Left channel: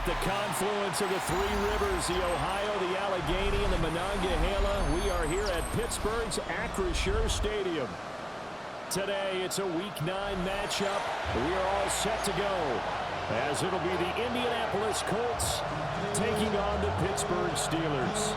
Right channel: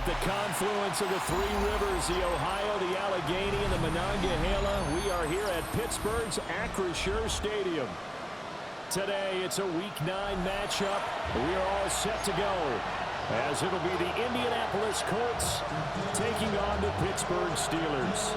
At the confluence of the three rivers, the Ohio, the Allegheny, and the Monongahela, we are here at Pittsburgh's Acrisure Stadium. Today, it's a Week 9 matchup. We are all set to go, as it'll be the Indianapolis Colts taking on the Pittsburgh Steelers.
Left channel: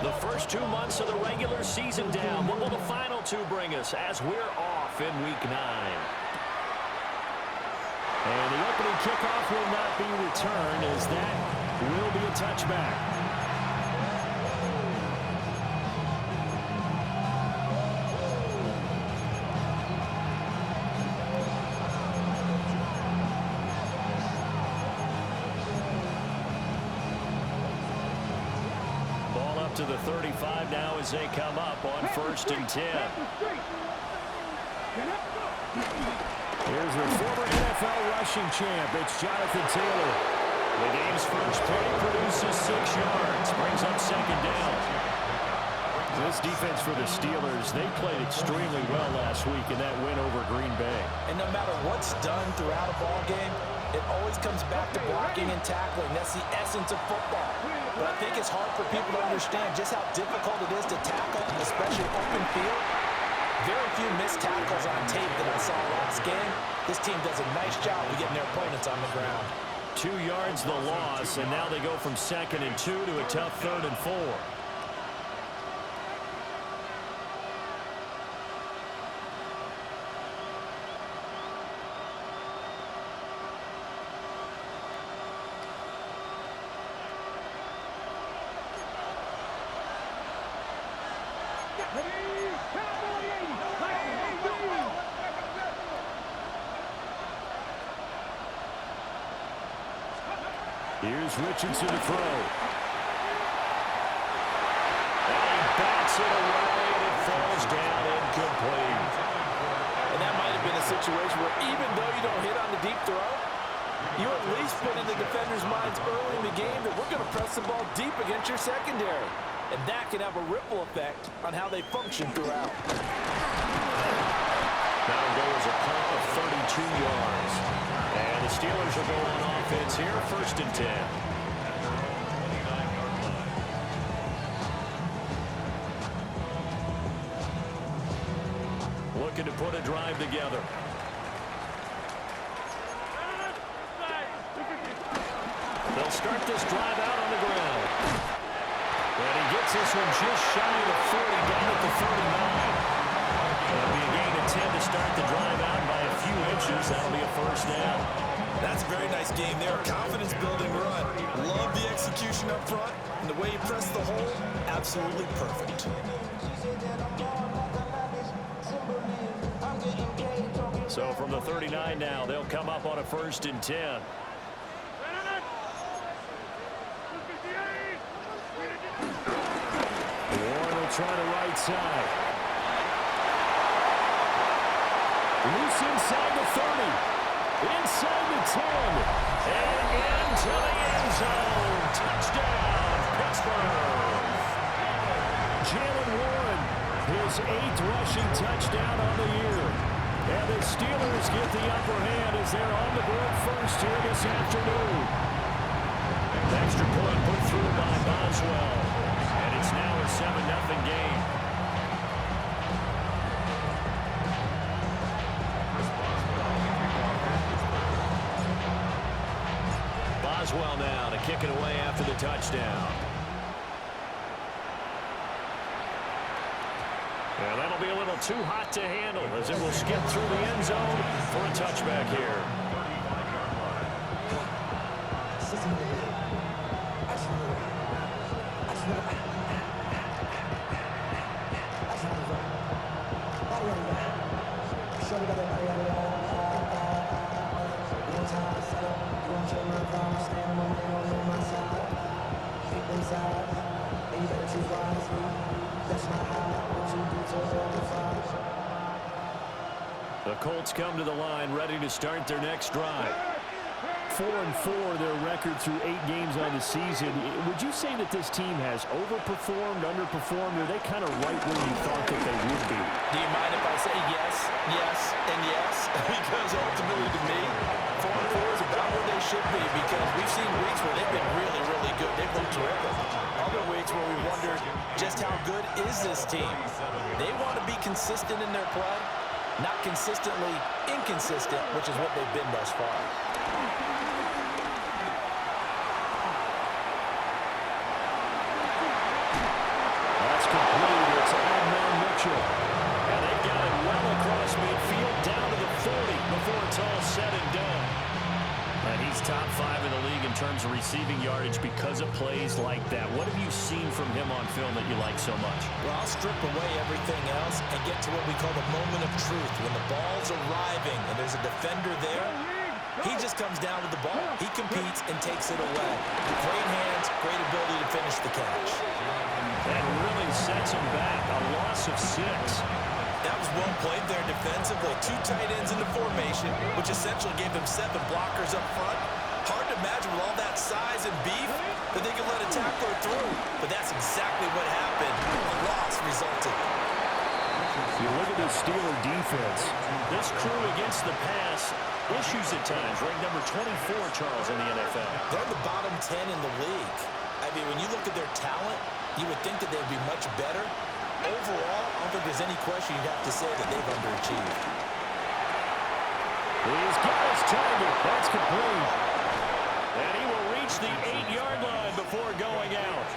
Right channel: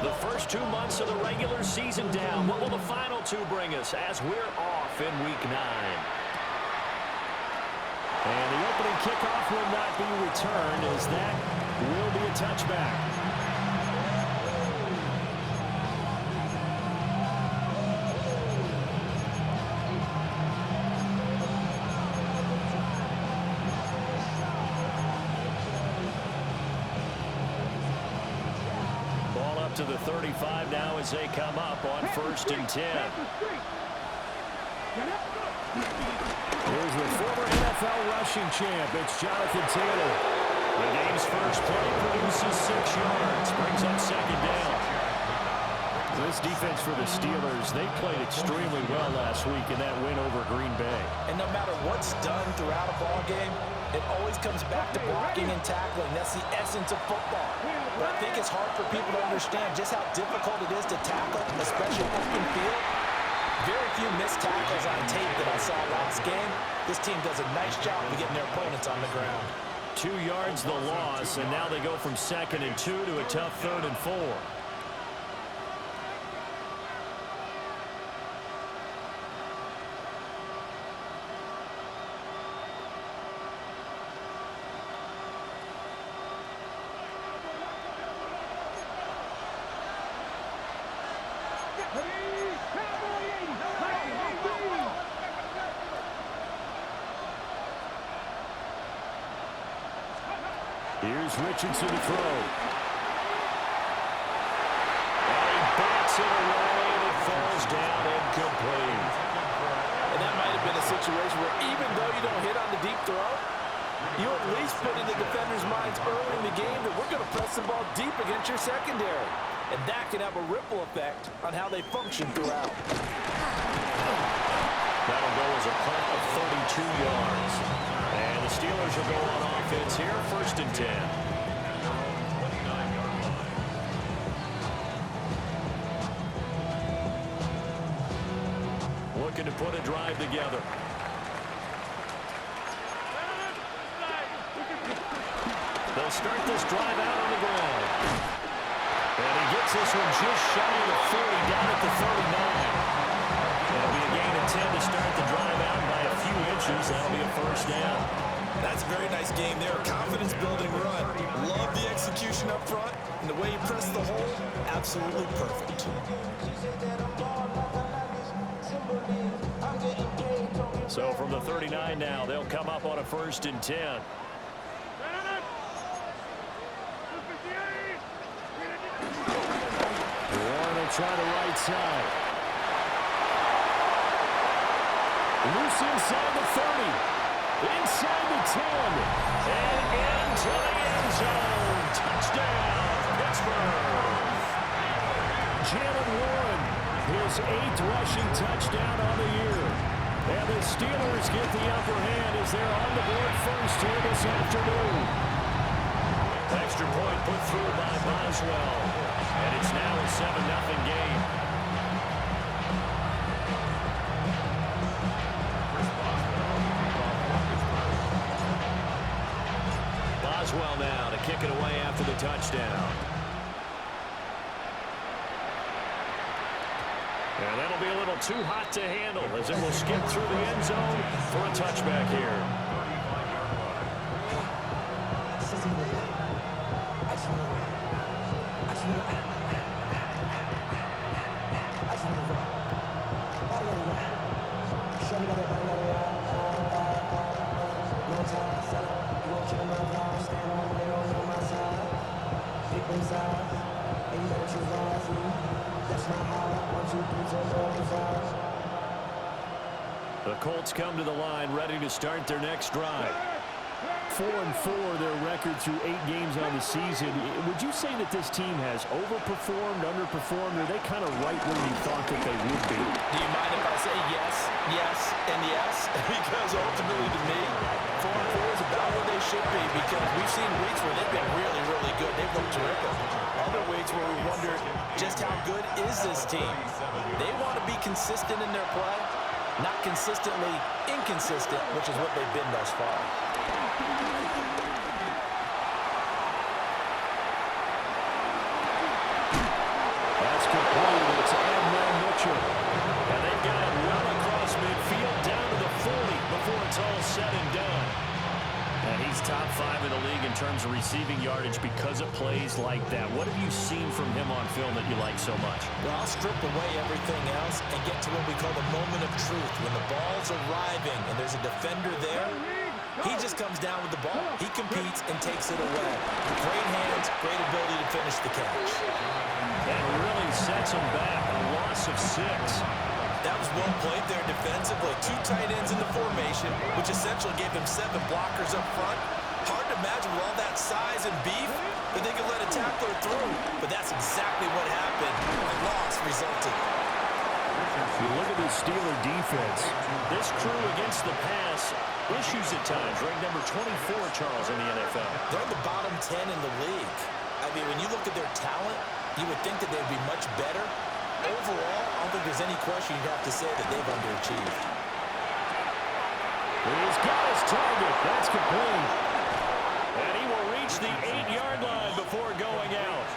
The first 2 months of the regular season down. What will the final two bring us as we're off in Week 9? And the opening kickoff will not be returned, as that will be a touchback. Ball up to the 35 now as they come up on 1st and 10. Here's the former NFL rushing champ. It's Jonathan Taylor. The game's first play produces 6 yards. Brings up 2nd down. This defense for the Steelers, they played extremely well last week in that win over Green Bay. And no matter what's done throughout a ball game, it always comes back to blocking and tackling. That's the essence of football. But I think it's hard for people to understand just how difficult it is to tackle, especially open field. Very few missed tackles on tape that I saw last game. This team does a nice job of getting their opponents on the ground. 2 yards the loss, and now they go from 2nd and 2 to a tough 3rd and 4. Here's Richardson to throw. And he bats it away, and it falls down incomplete. And that might have been a situation where even though you don't hit on the deep throw, you at least put in the defender's minds early in the game that we're going to press the ball deep against your secondary. And that can have a ripple effect on how they function throughout. That'll go as a punt of 32 yards. And the Steelers will go on offense here, 1st and 10. Looking to put a drive together. They'll start this drive out on the ground. And he gets this one just shy of the 40, down at the 39. It'll be a gain of 10 to start the drive out by a few inches. That'll be a 1st down. That's a very nice game there. Confidence-building run. Love the execution up front. And the way he pressed the hole, absolutely perfect. So from the 39 now, they'll come up on a 1st and 10. Warren will try the right side. Loose inside the 30. Inside the 10. And into the end zone. Touchdown, Pittsburgh. Jalen Warren, his 8th rushing touchdown on the year. And the Steelers get the upper hand as they're on the board first here this afternoon. Extra point put through by Boswell. And it's now a 7-0 game. Boswell now to kick it away after the touchdown. And that'll be a little too hot to handle as it will skip through the end zone for a touchback here. The Colts come to the line ready to start their next drive. 4-4 their record through 8 games on the season. Would you say that this team has overperformed, underperformed, or are they kind of right where you thought that they would be? Do you mind if I say yes, yes, and yes? Because ultimately to me, 4-4 is about where they should be, because we've seen weeks where they've been really, really good. They've looked terrific. Other weeks where we wondered just how good is this team. They want to be consistent in their play, not consistently inconsistent, which is what they've been thus far. That's complete. It's Adnan Mitchell. And they've got it well across midfield, down to the 40 before it's all said and done. And he's top 5 in the league in terms of receiving yardage because of plays like that. What have you seen from him on film that you like so much? Well, I'll strip away everything else and get to what we call the moment of truth. When the ball's arriving and there's a defender there, he just comes down with the ball. He competes and takes it away. Great hands, great ability to finish the catch. That really sets him back. A loss of 6. That was well played there defensively. 2 tight ends in the formation, which essentially gave them 7 blockers up front. Hard to imagine with all that size and beef that they could let a tackler through. But that's exactly what happened. A loss resulted. You look at this Steeler defense. This crew against the pass, issues at times. Ranked number 24, Charles, in the NFL. They're in the bottom 10 in the league. I mean, when you look at their talent, you would think that they'd be much better. Overall, I don't think there's any question you'd have to say that they've underachieved. He's got his target. That's complete. And he will reach the 8-yard line before going out.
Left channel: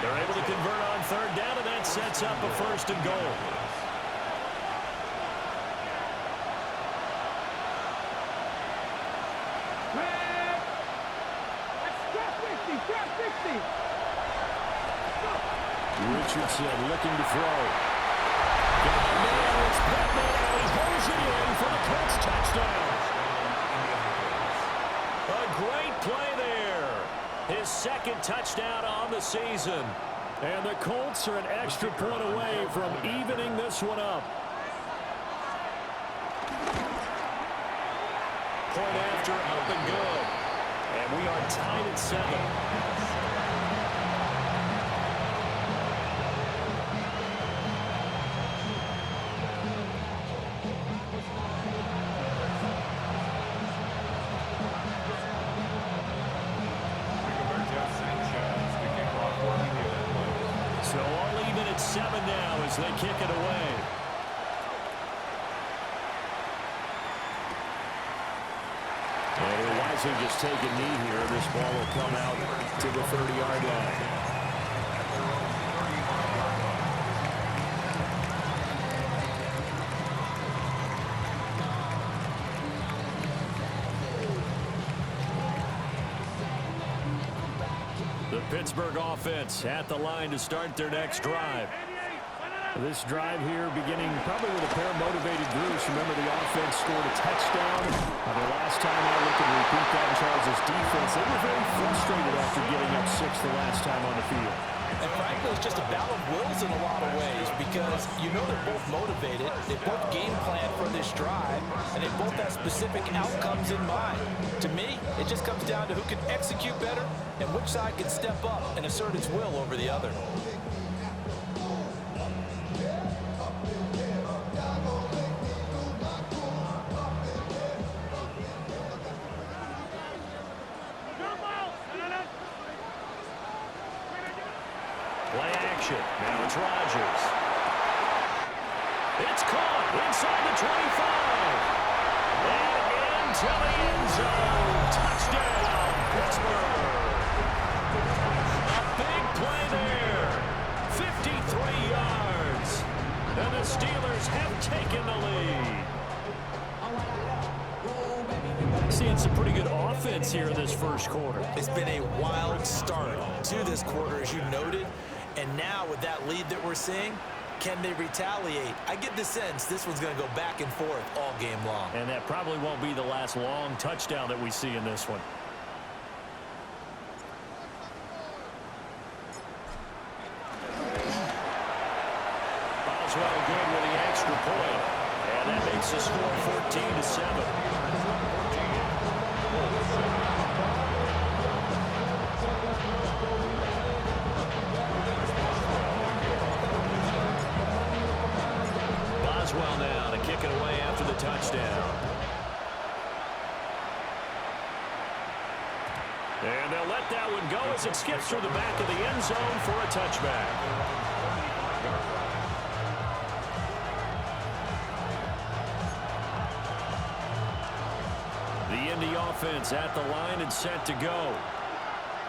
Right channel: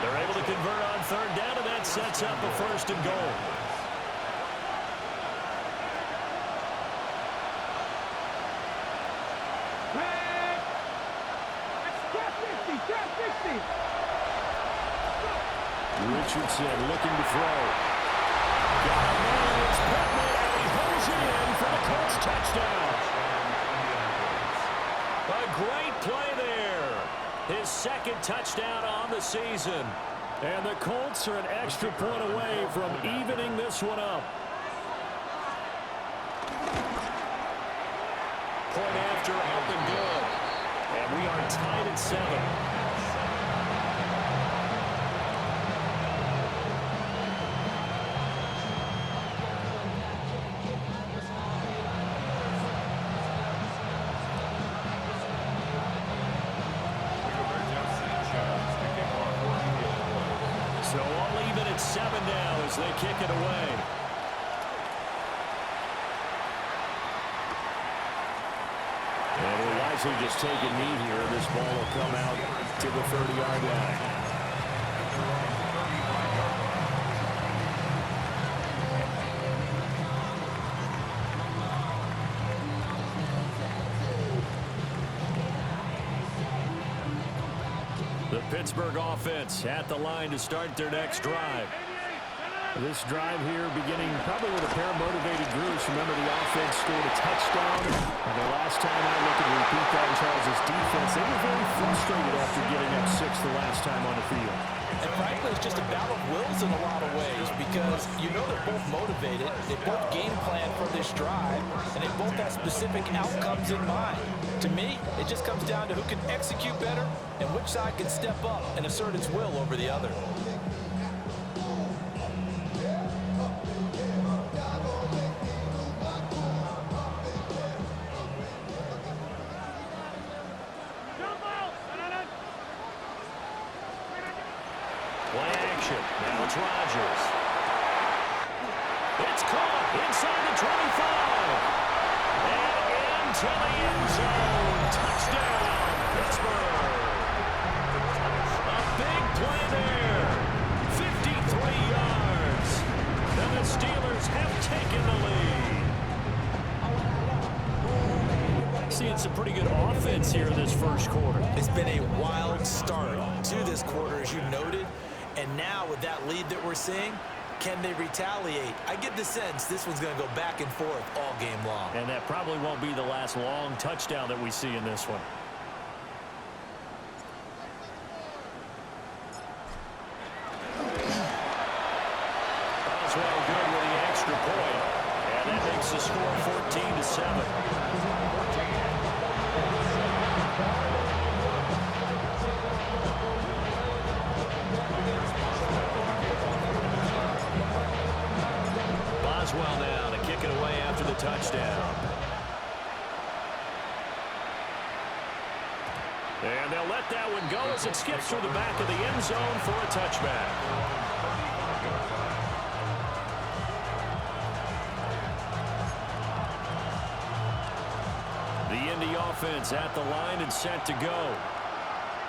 They're able to convert on 3rd down, and that sets up a 1st and goal. Richardson looking to throw. Got a man, it's Pittman, and he holds it in for the Colts touchdown. A great play there. His 2nd touchdown on the season. And the Colts are an extra point away from evening this one up. Point after, up and good. And we are tied at 7. So all even at 7 now as they kick it away. And he'll wisely just take a knee here. This ball will come out to the 30-yard line. The Pittsburgh offense at the line to start their next drive. This drive here beginning probably with a pair of motivated groups. Remember, the offense scored a touchdown. Their last time out, looking to repeat that in Charles's defense. They were very frustrated after getting up 6 the last time on the field. And frankly, it's just a battle of wills in a lot of ways, because you know they're both motivated. They both game plan for this drive, and they both have specific outcomes in mind. To me, it just comes down to who can execute better and which side can step up and assert its will over the other. Play action. Now it's Rodgers. It's caught inside the 25. And into the end zone. Touchdown, Pittsburgh. A big play there. 53 yards. And the Steelers have taken the lead. Seeing some pretty good offense here in this first quarter. It's been a wild start to this quarter, as you noted. And now with that lead that we're seeing, can they retaliate? I get the sense this one's going to go back and forth all game long. And that probably won't be the last long touchdown that we see in this one. Boswell good with the extra point. And that makes the score 14-7. Boswell now to kick it away after the touchdown. And they'll let that one go as it skips through the back of the end zone for a touchback. The Indy offense at the line and set to go.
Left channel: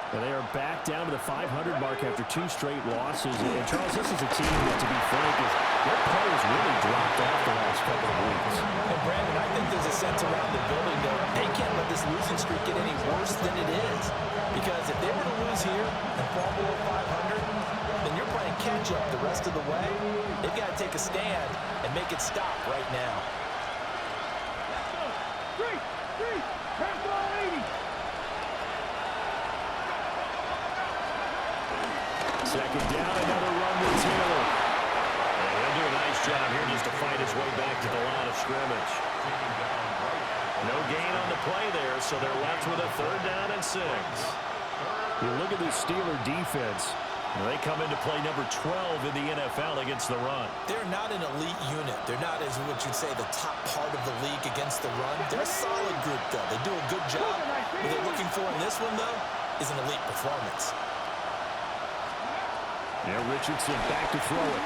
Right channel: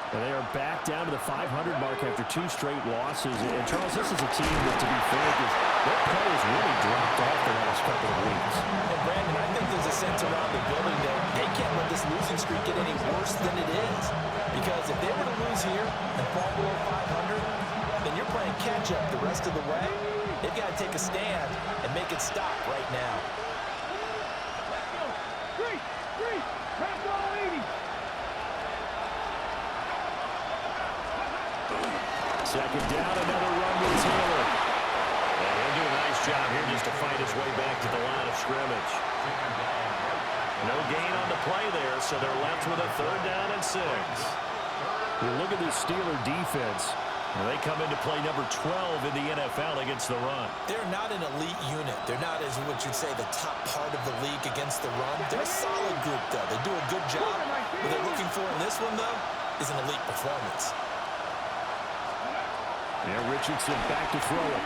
And they are back down to the 500 mark after 2 straight losses. And, Charles, this is a team that, to be frank, their play has really dropped off the last couple of weeks. And, Brandon, I think there's a sense around the building that they can't let this losing streak get any worse than it is. Because if they were to lose here and fall below 500, then you're playing catch-up the rest of the way. They've got to take a stand and make it stop right now. Let's go. Three. Pass ball 80. Second down, another run with Taylor. And he'll do a nice job here just to fight his way back to the line of scrimmage. No gain on the play there, so they're left with a 3rd down and 6. You look at this Steeler defense. They come into play number 12 in the NFL against the run. They're not an elite unit. They're not, as what you'd say, the top part of the league against the run. They're a solid group, though. They do a good job. What they're looking for in this one, though, is an elite performance. Now Richardson back to throw it.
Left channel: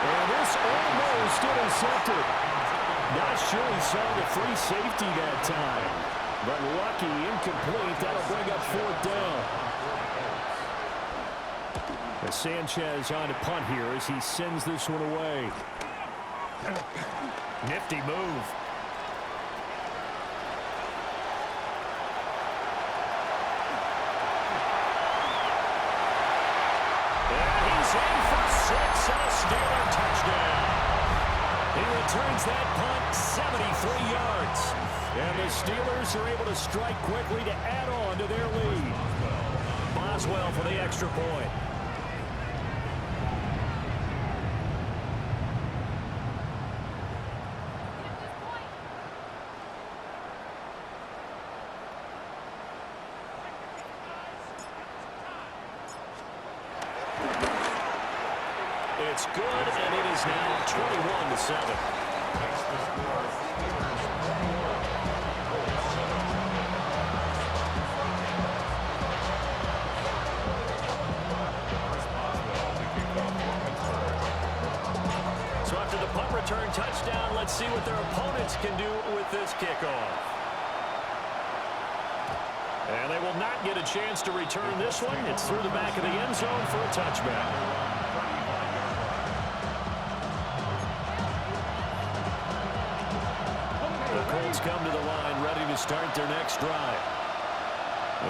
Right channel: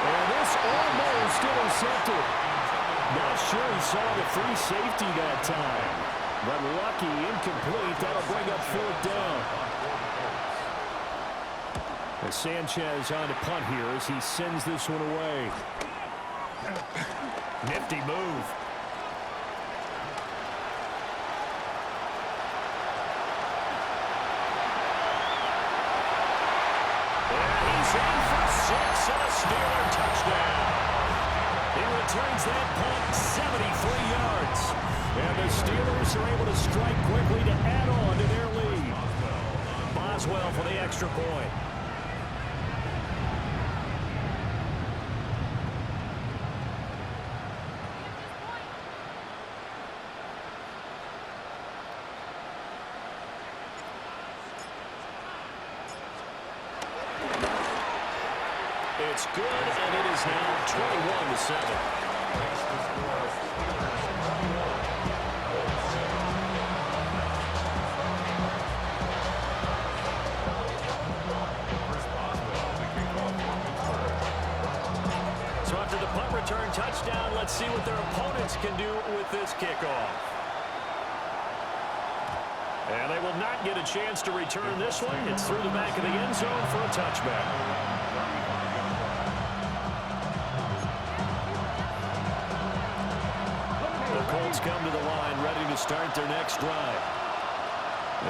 And this almost intercepted. Not sure he saw the free safety that time. But lucky, incomplete. That'll bring up 4th down. As Sanchez on to punt here as he sends this one away. Nifty move. And he's in for 6 and a Steeler touchdown. He returns that punt 73 yards. And the Steelers are able to strike quickly to add on to their lead. Boswell for the extra point. It's good, and it is now 21-7. Makes the score Steelers 21, Colts 7. Chris Boswell, the kickoff for Pittsburgh. So after the punt return touchdown, let's see what their opponents can do with this kickoff. And they will not get a chance to return this one. It's through the back of the end zone for a touchback. The Colts come to the line, ready to start their next drive.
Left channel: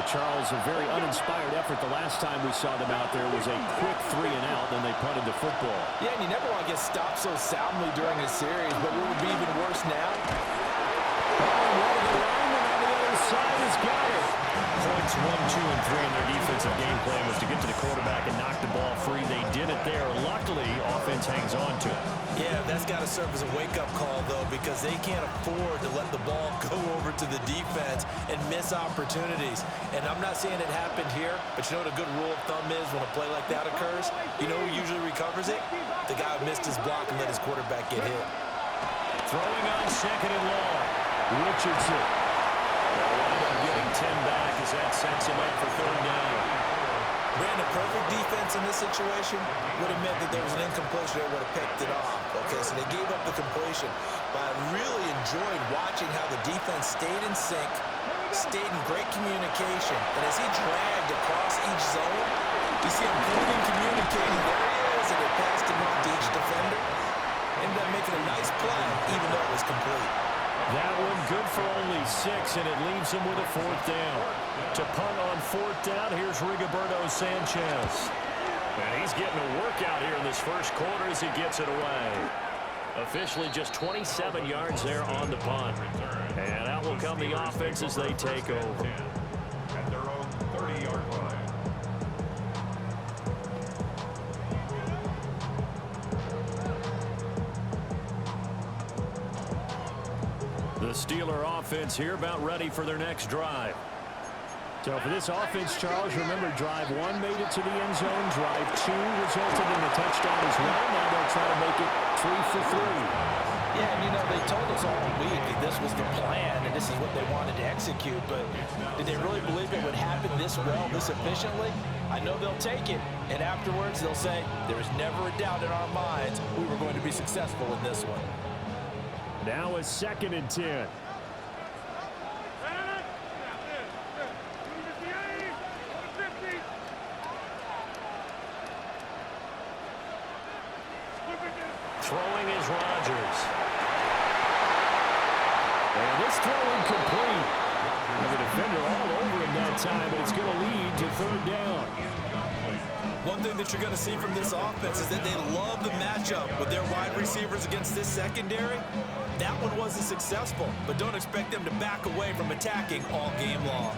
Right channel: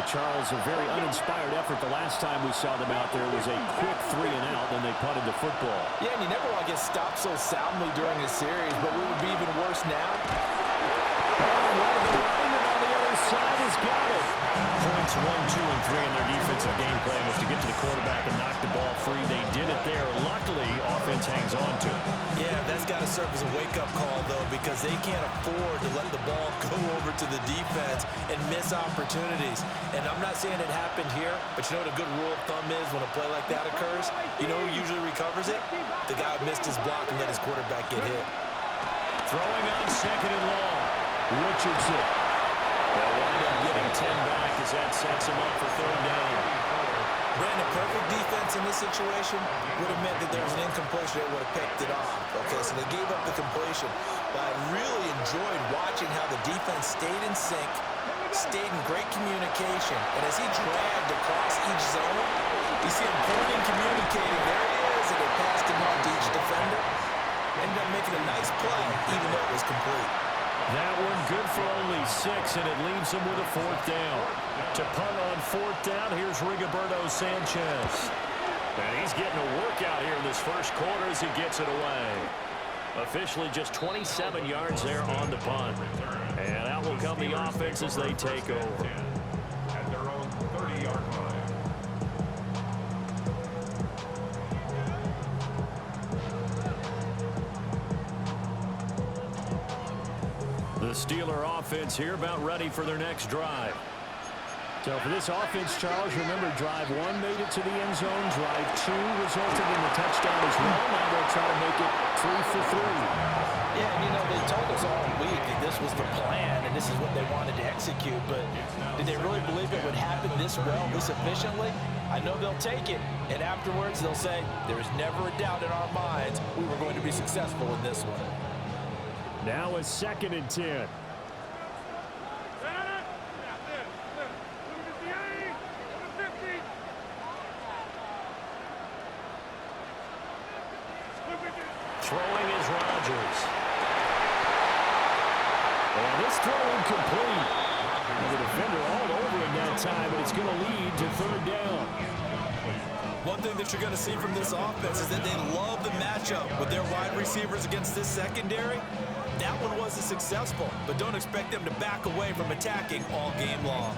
Charles, a very uninspired effort the last time we saw them out there was a quick 3 and out, then they punted the football. Yeah, and you never want to get stopped so soundly during a series, but what would be even worse now? Oh, one of the linemen on the other side has got it. Points 1, 2, and 3 in their defensive game plan was to get to the quarterback and knock the ball free. They did it there. Luckily, offense hangs on to it. Yeah, that's got to serve as a wake-up call, though, because they can't afford to let the ball go over to the defense and miss opportunities. And I'm not saying it happened here, but you know what a good rule of thumb is when a play like that occurs? You know who usually recovers it? The guy who missed his block and let his quarterback get hit. Throwing on 2nd and long. Richardson. They'll wind up getting 10 back as that sets him up for 3rd down. Brandon, perfect defense in this situation would have meant that there was an incompletion that would have picked it off. Okay, so they gave up the completion. But I really enjoyed watching how the defense stayed in sync, stayed in great communication. And as he dragged across each zone, you see him pointing, communicating. There he is, and they passed him off to each defender. Ended up making a nice play, even though it was complete. That one good for only 6, and it leaves him with a 4th down. To punt on 4th down, here's Rigoberto Sanchez. And he's getting a workout here in this first quarter as he gets it away. Officially just 27 yards there on the punt. And out will come the offense as they take over. At their own 30-yard line. the Steeler offense here about ready for their next drive. So for this offense, Charles, remember drive 1 made it to the end zone. Drive 2 resulted in the touchdown as well. Now they'll try to make it 3 for 3. Yeah, and you know, they told us all week that this was the plan and this is what they wanted to execute, but did they really believe it would happen this well, this efficiently? I know they'll take it, and afterwards they'll say, there was never a doubt in our minds we were going to be successful in this one. Now a 2nd and 10. Throwing is Rodgers. And this throw incomplete. And the defender all over him that time, but it's going to lead to 3rd down. One thing that you're going to see from this offense is that they love the matchup with their wide receivers against this secondary. That one wasn't successful, but don't expect them to back away from attacking all game long.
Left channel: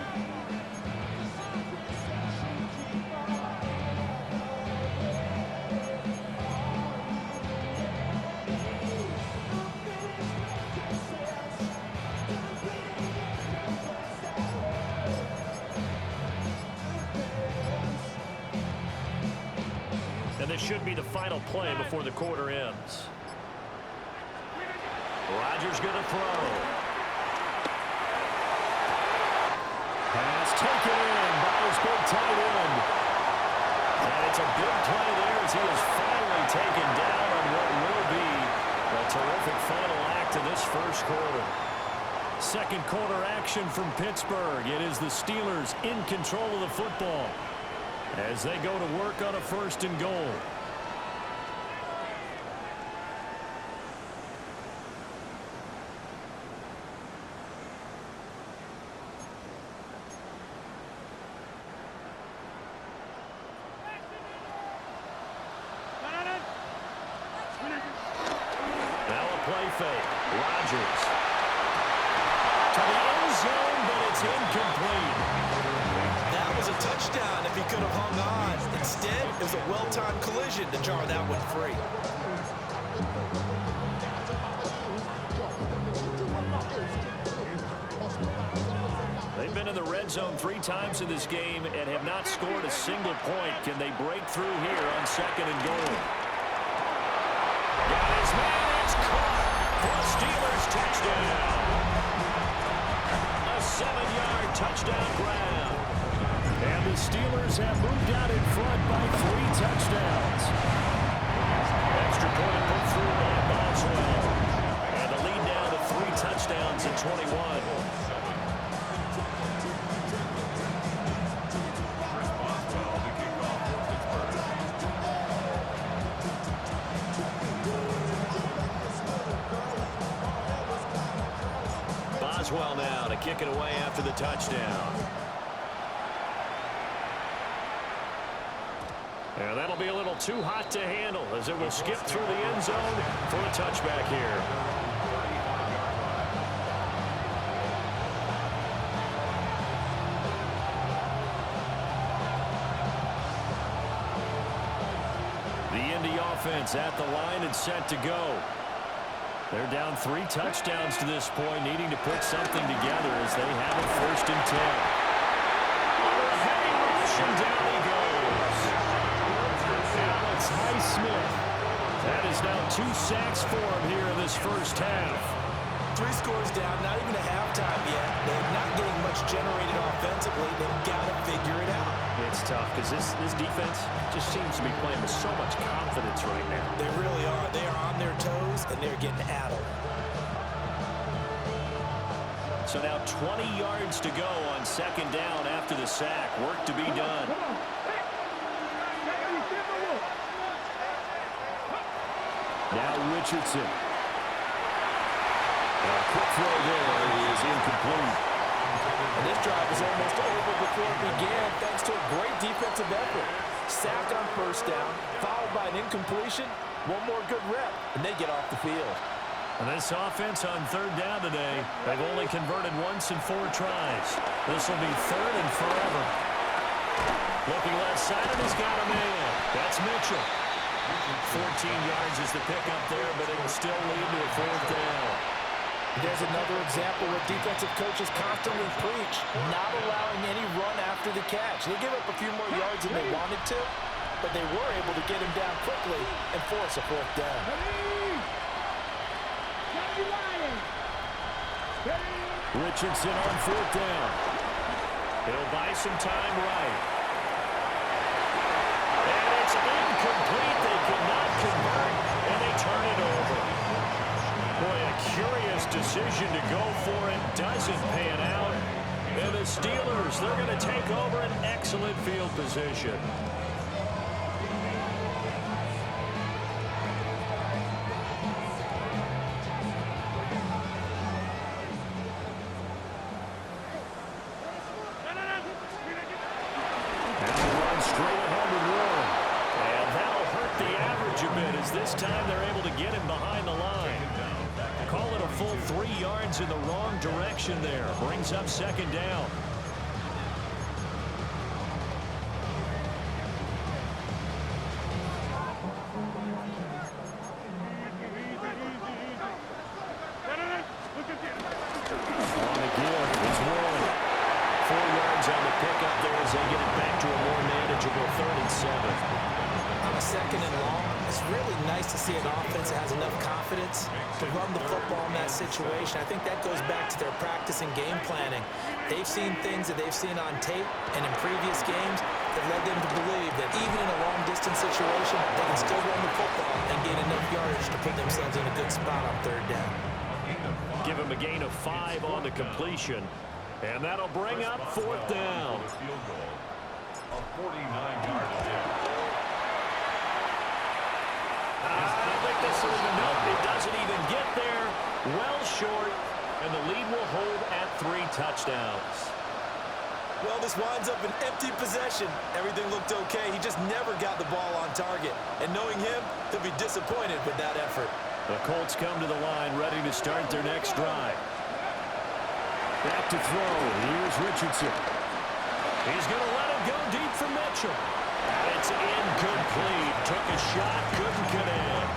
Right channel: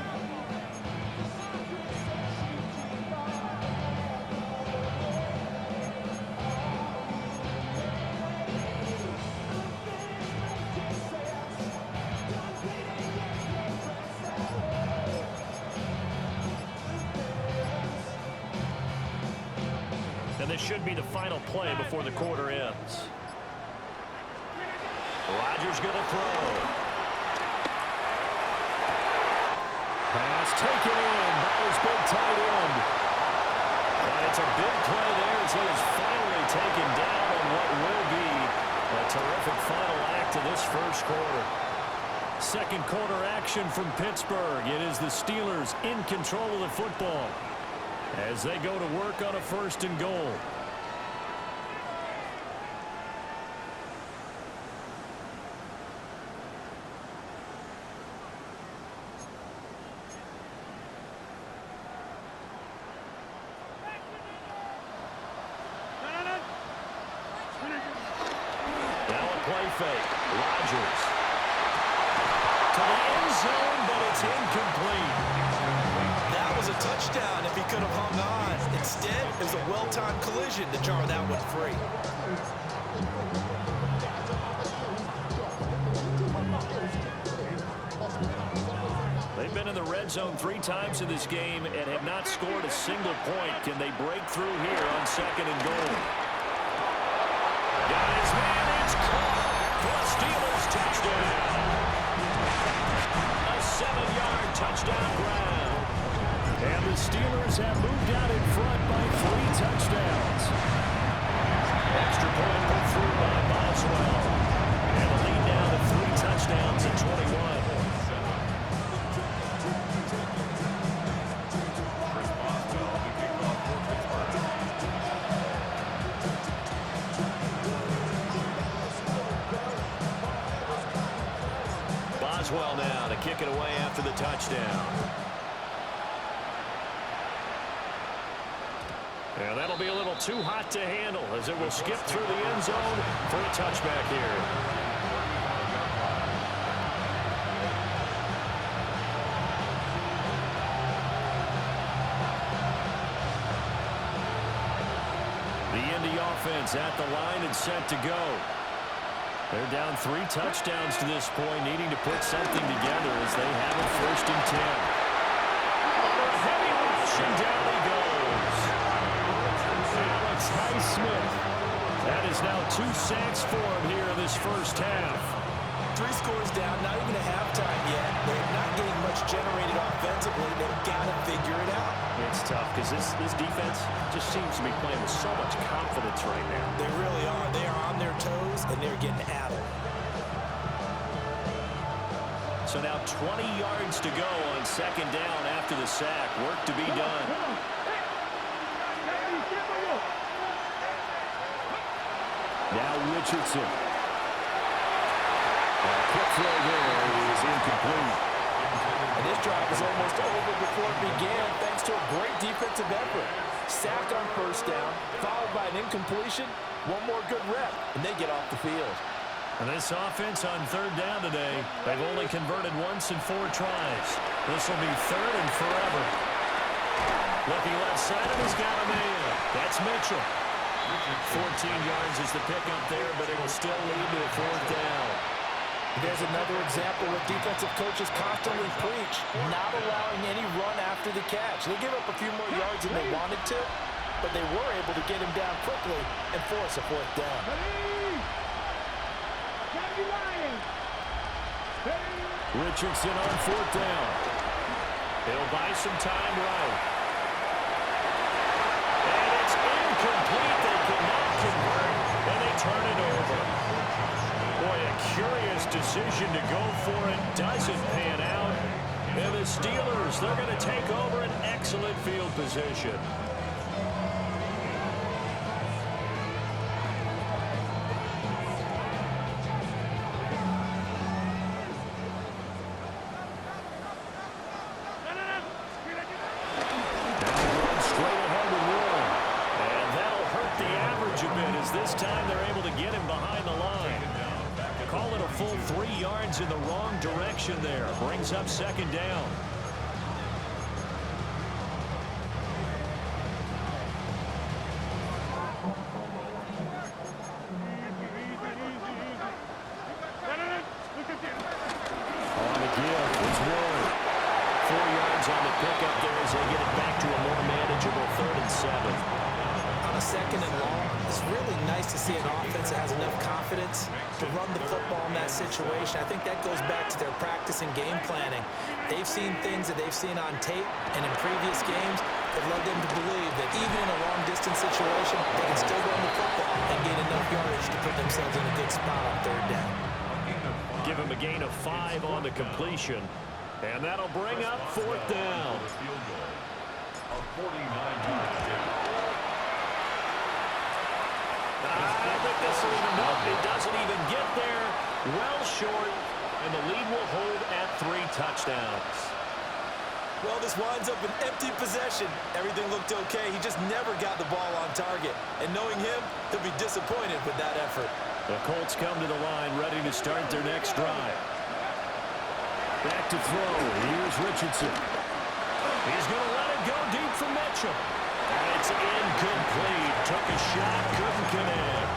And this should be the final play before the quarter ends. Rodgers going to throw. Pass taken in by his big tight end. And it's a big play there as he is finally taken down on what will be a terrific final act of this first quarter. Second quarter action from Pittsburgh. It is the Steelers in control of the football as they go to work on a 1st and goal. Now a play fake. Rodgers to the end zone, but it's incomplete. That was a touchdown if he could have hung on. Instead, it was a well-timed collision to jar that one free. They've been in the red zone 3 times in this game and have not scored a single point. Can they break through here on 2nd and goal? Got his man. It's caught for a Steelers touchdown. A 7-yard touchdown grab. And the Steelers have moved out in front by 3 touchdowns. Extra point put through by Boswell. And the lead down to 3 touchdowns at 21. Boswell now to kick it away after the touchdown. And that'll be a little too hot to handle as it will skip through the end zone for a touchback here. The Indy offense at the line and set to go. They're down 3 touchdowns to this point, needing to put something together as they have a 1st and 10. Under a heavy rush, and down he goes. Alex Highsmith. That is now 2 sacks for him here in this first half. 3 scores down, not even a halftime yet. They're not getting much generated offensively. They've got to figure it out. It's tough because this defense just seems to be playing with so much confidence right now. They really are. They are on their toes, and they're getting addled. So now 20 yards to go on 2nd down after the sack. Work to be done. Now Richardson. A quick throw there is incomplete. And this drive was almost over before it began thanks to a great defensive effort. Sack on 1st down, followed by an incompletion. One more good rep, and they get off the field. And this offense on 3rd down today, they've only converted once in 4 tries. This will be 3rd and forever. Looking left side, and he's got a man. That's Mitchell. 14 yards is the pickup there, but it will still lead to a 4th down. There's another example where defensive coaches constantly preach, not allowing any run after the catch. They give up a few more yards than they wanted to, but they were able to get him down quickly and force a fourth down. Richardson on fourth down. He'll buy some time right. And it's incomplete. They cannot convert, and they turn it over. Boy, a curious decision to go for it. Doesn't pan out. And the Steelers, they're going to take over an excellent field position. This time they're able to get him behind the line. Call it a full 3 yards in the wrong direction there. Brings up second down. On the give, it's Warren. 4 yards on the pickup there as they get it back to a more manageable 3rd and 7. On a 2nd and long, it's really nice to see an offense that has enough confidence to run the football in that situation. I think that goes back to their practice and game planning. They've seen things that they've seen on tape and in previous games that led them to believe that even in a long-distance situation, they can still run the football and gain enough yardage to put themselves in a good spot on 3rd down. Give him a gain of 5 on the completion, and that'll bring up 4th down. A 49-yard I don't think this will even help. It doesn't even get there. Well short, and the lead will hold at 3 touchdowns. Well, this winds up an empty possession. Everything looked okay. He just never got the ball on target. And knowing him, he'll be disappointed with that effort. The Colts come to the line, ready to start their next drive. Back to throw. Here's Richardson. He's going to let it go deep for Mitchell. And it's incomplete. Took a shot, couldn't connect.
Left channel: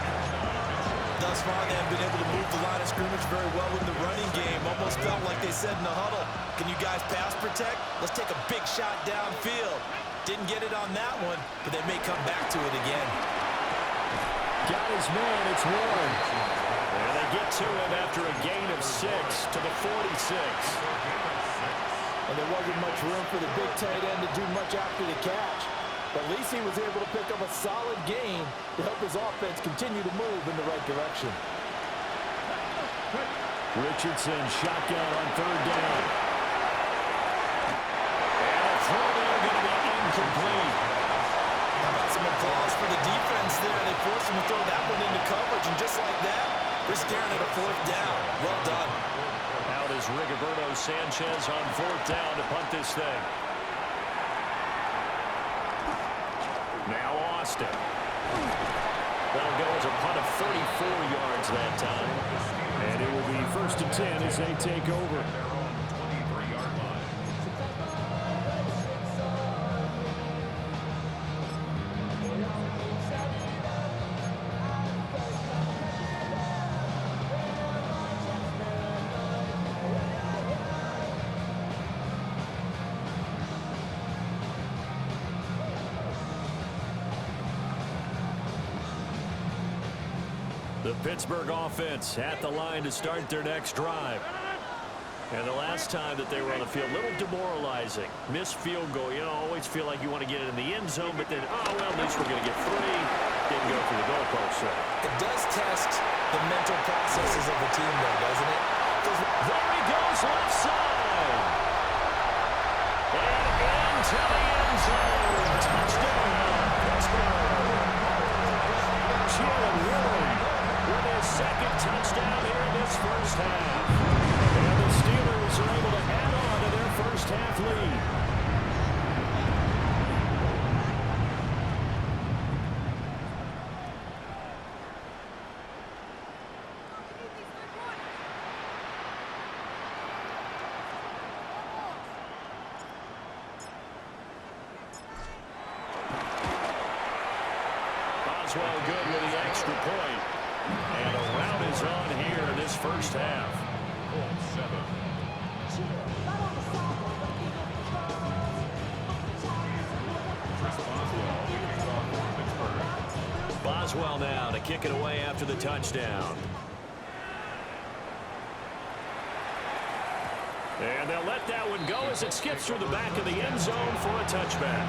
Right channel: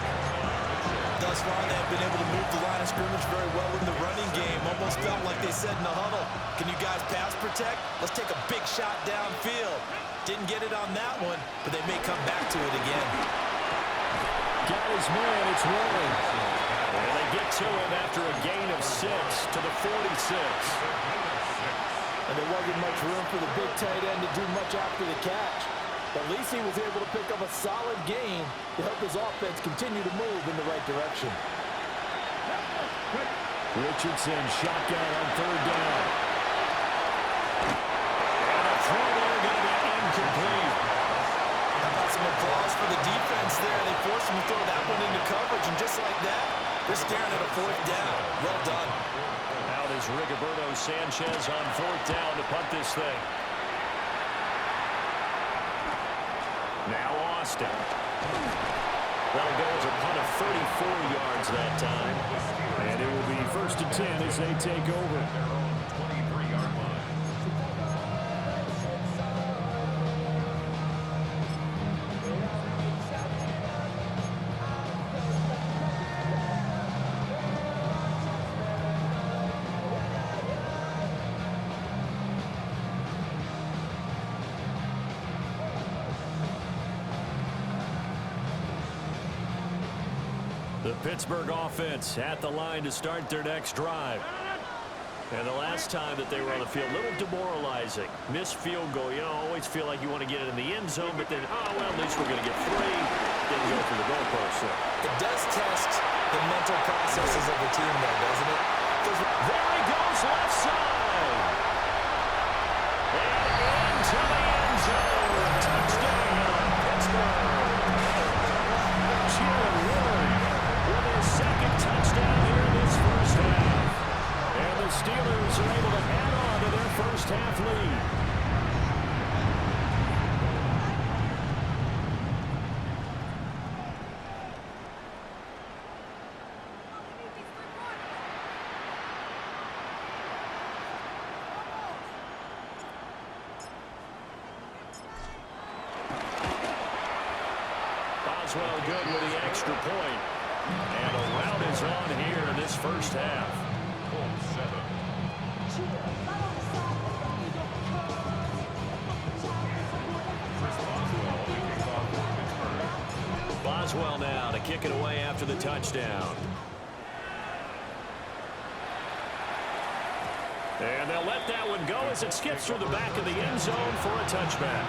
Thus far, they have been able to move the line of scrimmage very well in the running game. Almost felt like they said in the huddle, can you guys pass protect? Let's take a big shot downfield. Didn't get it on that one, but they may come back to it again. Got his man, it's Warren. And they get to him after a gain of 6 to the 46. And there wasn't much room for the big tight end to do much after the catch. But at least he was able to pick up a solid gain to help his offense continue to move in the right direction. Richardson shotgun on 3rd down. And a throw there going to be incomplete. How about some applause for the defense there? They forced him to throw that one into coverage, and just like that, they're staring at a 4th down. Well done. Out is Rigoberto Sanchez on 4th down to punt this thing. Now Austin. That'll go as a punt of 34 yards that time. And it will be 1st and 10 as they take over. their own 23-yard line. The Pittsburgh offense at the line to start their next drive. And the last time that they were on the field, a little demoralizing. Missed field goal. You know, always feel like you want to get it in the end zone, but then, oh, well, at least we're going to get 3. Didn't go through the goalpost, so. It does test the mental processes of the team, though, doesn't it? There he goes, left side. And into the end zone. Touchdown, Pittsburgh. Jalen Warren with his 2nd touchdown here in this first half. And the Steelers are able to add on to their first half lead. Boswell good with the extra point. And a rout is on here in this first half. Colts 7. Chris Boswell, the kickoff for Pittsburgh. Boswell now to kick it away after the touchdown. And they'll let that one go as it skips through the back of the end zone for a touchback.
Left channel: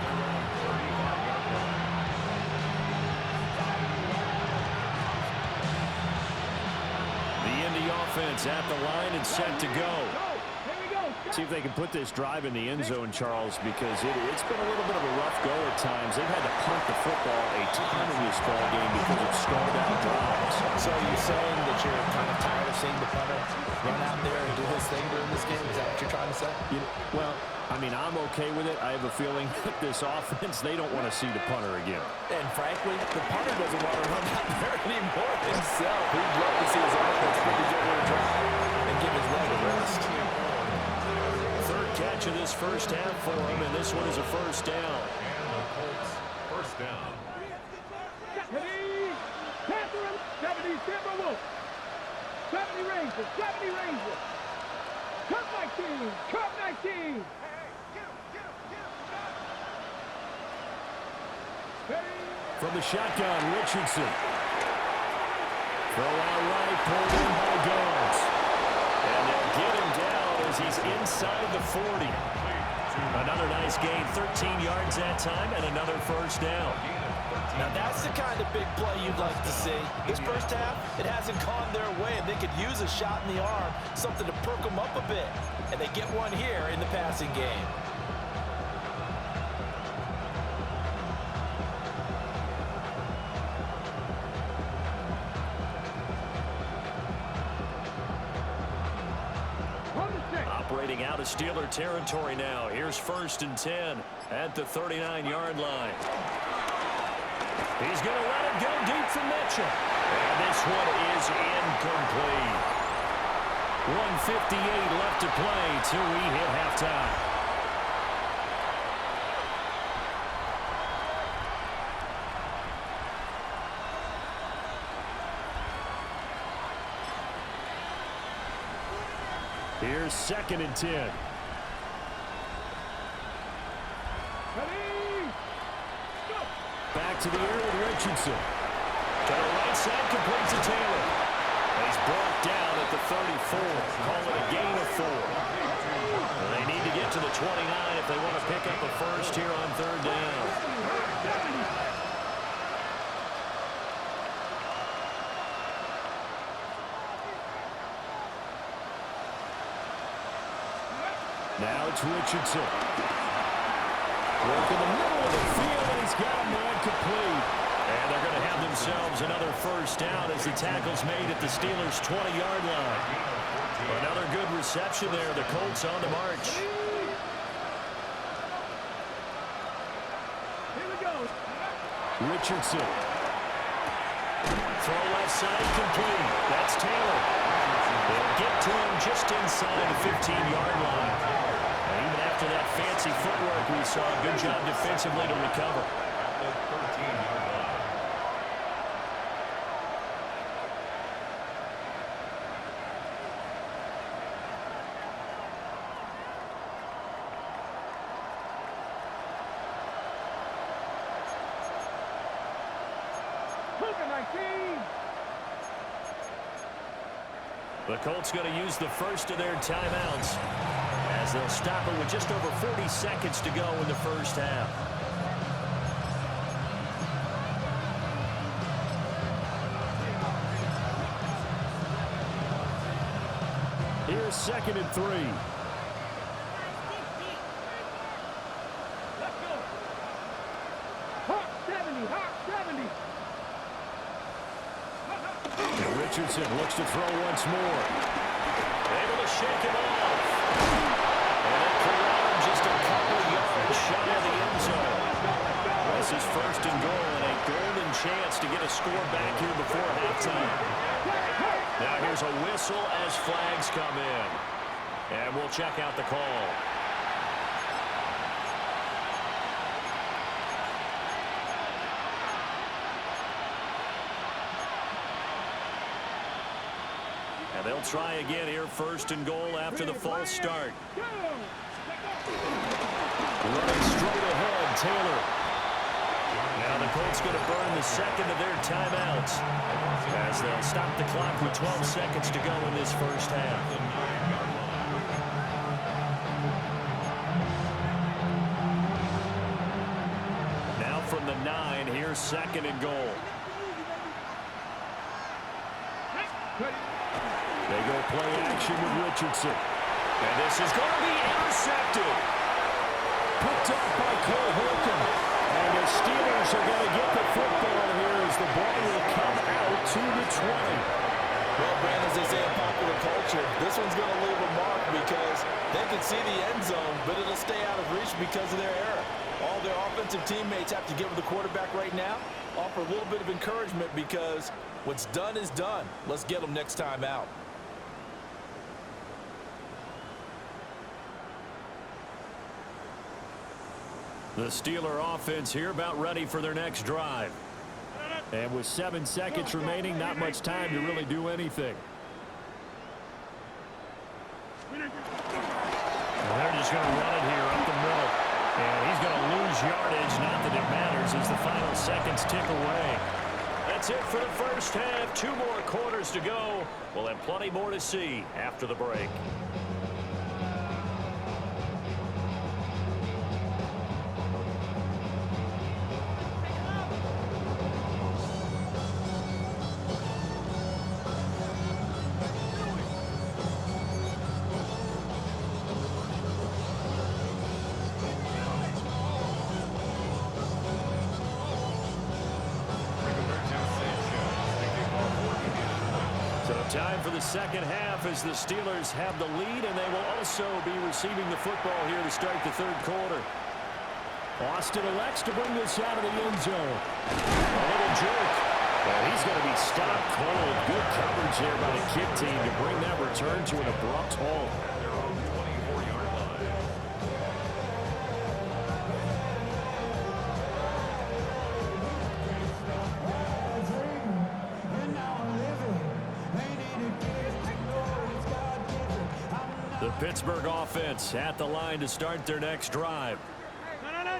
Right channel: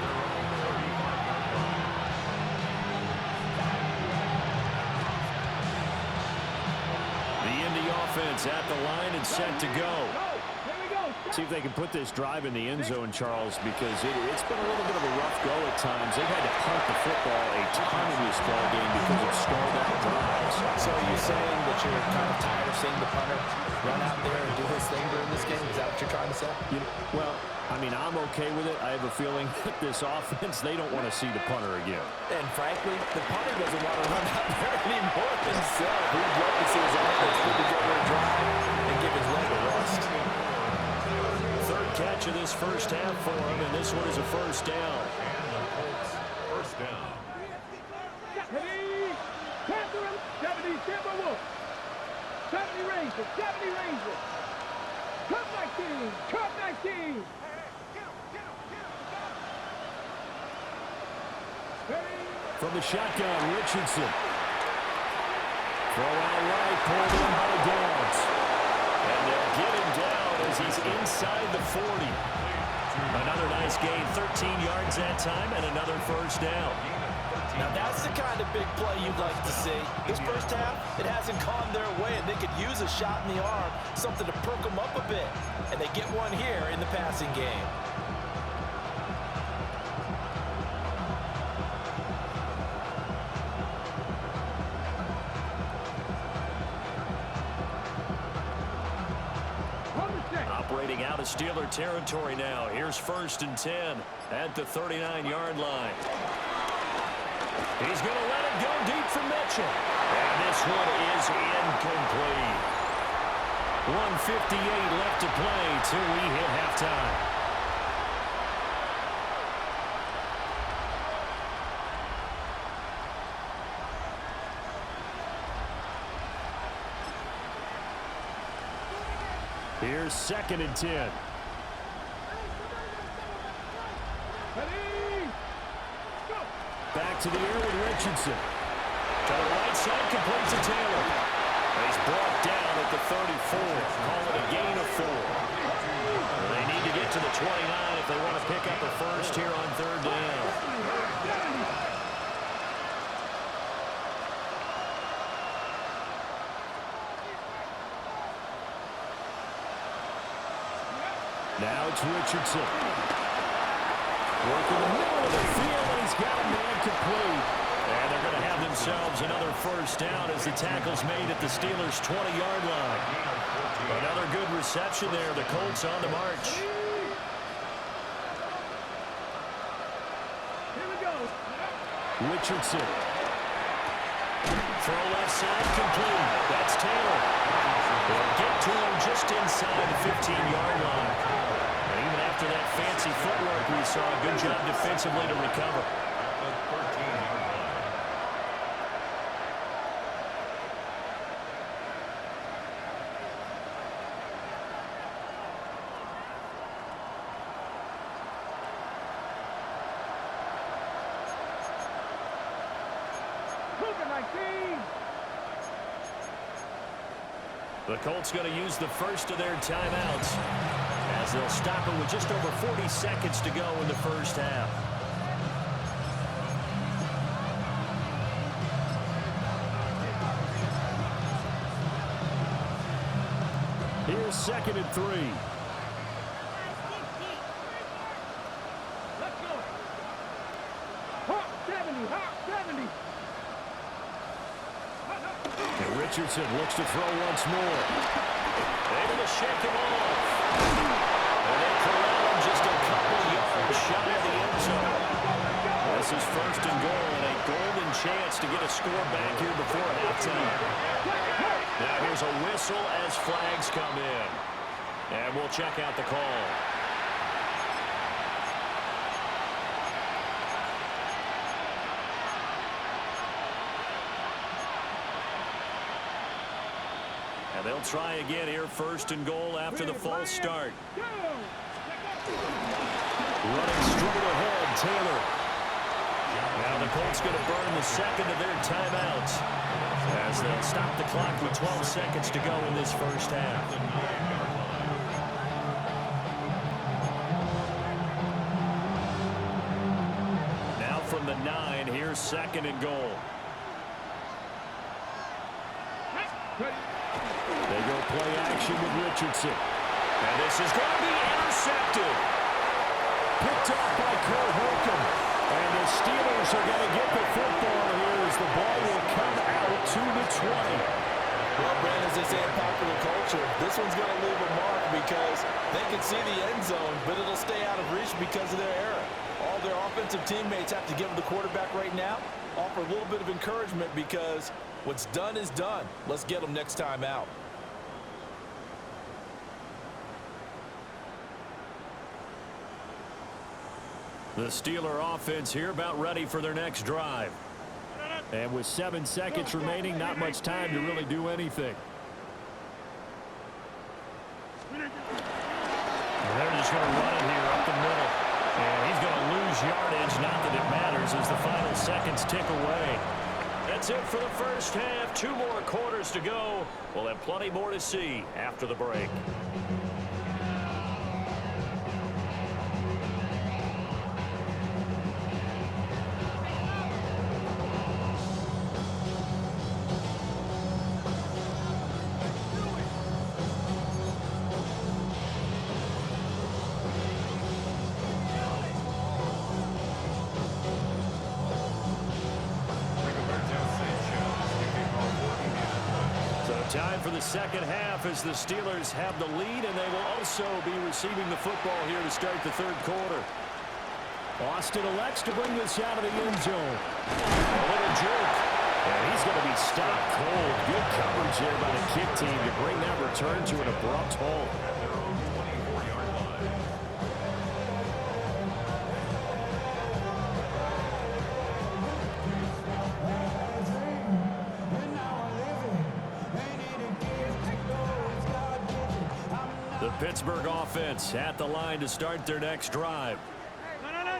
The Indy offense at the line and set to go. See if they can put this drive in the end zone, Charles, because it's been a little bit of a rough go at times. They've had to punt the football a ton in this ball game because of stalled out drives. So are you saying that you're kind of tired of seeing the punter run out there and do his thing during this game? Is that what you're trying to say? Well, I mean, I'm okay with it. I have a feeling that this offense, they don't want to see the punter again. And frankly, the punter doesn't want to run out there anymore himself. He'd love to see his offense put together a drive and give his leg a rest. Third catch of this first half for him, and this one is a first down. And the Colts first down. 70 Rangers, 70 Rangers. Cup 19, Cup 19. From the shotgun, Richardson. Throw out right, pulled in by Downs. And they'll get him down as he's inside the 40. Another nice gain, 13 yards that time, and another first down. Now that's the kind of big play you'd like to see. This first half, it hasn't gone their way, and they could use a shot in the arm, something to perk them up a bit. And they get one here in the passing game. Operating out of Steeler territory now. Here's 1st and 10 at the 39-yard line. He's going to let it go deep for Mitchell. And this one is incomplete. 1:58 left to play till we hit halftime. Here's 2nd and 10. Back to the air with Richardson. To the right side, complete to Taylor. He's brought down at the 34. Call it a gain of 4. They need to get to the 29 if they want to pick up a first here on 3rd down. Now it's Richardson. Work in the middle of the field, and he's got a man complete. And they're going to have themselves another first down as the tackle's made at the Steelers' 20-yard line. Another good reception there. The Colts on the march. Here we go. Richardson. Throw left side, complete. That's Taylor. They'll get to him just inside the 15-yard line. And even after that fancy footwork we saw, good job defensively to recover. At the 13-yard line. Cougar 19. The Colts going to use the first of their timeouts as they'll stop it with just over 40 seconds to go in the first half. Here's 2nd and 3. Let's go. Hawk 70, Hawk 70. And Richardson looks to throw once more. Able to shake him off. And they corral him just a couple yards shy of the end zone. This is 1st and goal and a golden chance to get a score back here before halftime. Now here's a whistle as flags come in. And we'll check out the call. And they'll try again here, first and goal after the false start. Running straight ahead, Taylor. Now the Colts going to burn the second of their timeouts as they'll stop the clock with 12 seconds to go in this first half. Now from the 9, here's second and goal. They go play action with Richardson. And this is going to be intercepted. Picked off by Cole Holcomb. And the Steelers are going to get the football here as the ball will come out to the 20. Well, Brandon, as they say in popular culture, this one's going to leave a mark because they can see the end zone, but it'll stay out of reach because of their error. All their offensive teammates have to give the quarterback right now, offer a little bit of encouragement because what's done is done. Let's get them next time out. The Steeler offense here about ready for their next drive. And with 7 seconds remaining, not much time to really do anything. And they're just going to run it here up the middle. And he's going to lose yardage, not that it matters as the final seconds tick away. That's it for the first half. 2 more quarters to go. We'll have plenty more to see after the break. Time for the second half as the Steelers have the lead, and they will also be receiving the football here to start the third quarter. Austin elects to bring this out of the end zone. A little juke, and he's going to be stopped cold. Good coverage there by the kick team to bring that return to an abrupt halt. At their own 24-yard line. The Pittsburgh offense at the line to start their next drive.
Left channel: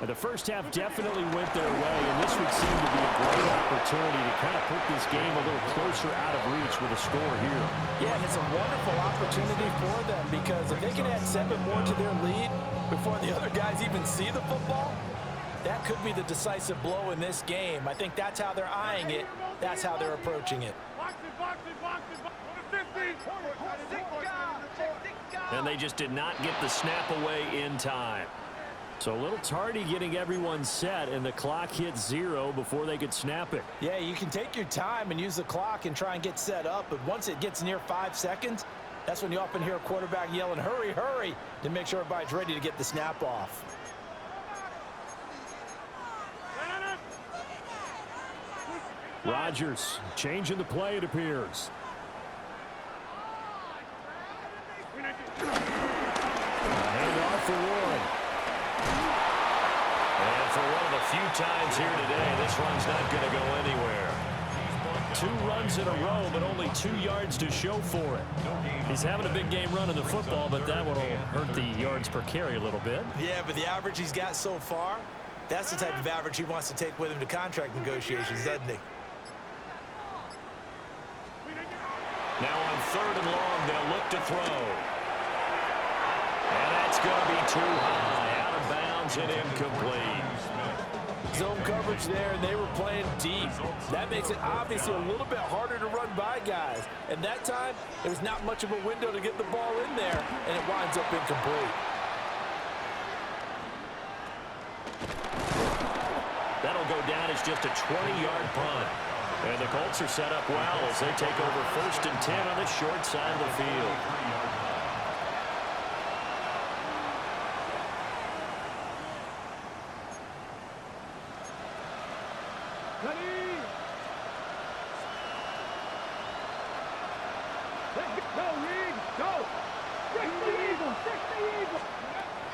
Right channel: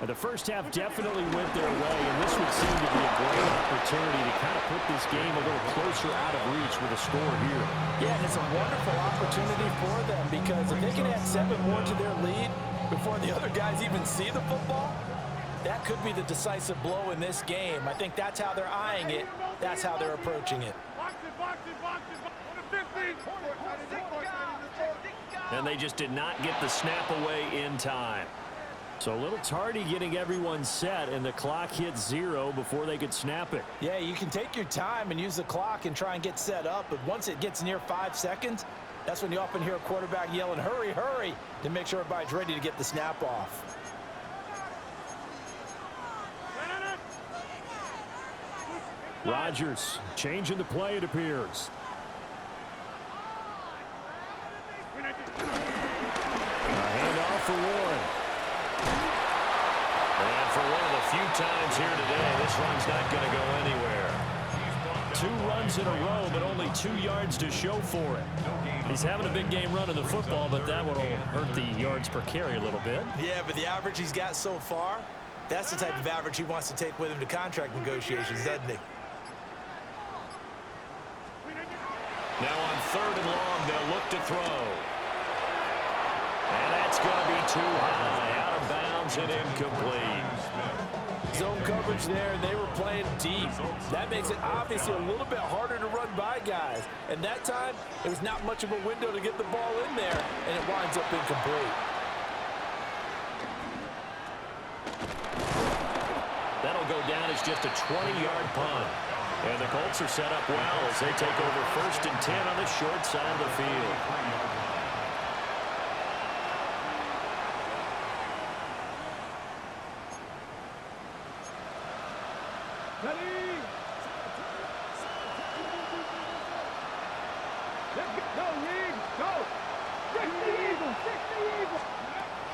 And the first half definitely went their way, and this would seem to be a great opportunity to kind of put this game a little closer out of reach with a score here. Yeah, and it's a wonderful opportunity for them because if they can add 7 more to their lead before the other guys even see the football, that could be the decisive blow in this game. I think that's how they're eyeing it. That's how they're approaching it. And they just did not get the snap away in time. So a little tardy getting everyone set, and the clock hit 0 before they could snap it. Yeah, you can take your time and use the clock and try and get set up, but once it gets near 5 seconds, that's when you often hear a quarterback yelling, hurry, hurry, to make sure everybody's ready to get the snap off. Rodgers changing the play, it appears. A handoff for Warren. And for one of the few times here today, this run's not going to go anywhere. 2 runs in a row, but only 2 yards to show for it. He's having a big game running the football, but that will hurt the yards per carry a little bit. Yeah, but the average he's got so far, that's the type of average he wants to take with him to contract negotiations, doesn't he? Now on 3rd and long, they'll look to throw. And that's going to be too high, out of bounds and incomplete. Zone coverage there, and they were playing deep. That makes it obviously a little bit harder to run by guys. And that time, it was not much of a window to get the ball in there, and it winds up incomplete. That'll go down as just a 20-yard punt. And the Colts are set up well as they take over 1st and 10 on the short side of the field.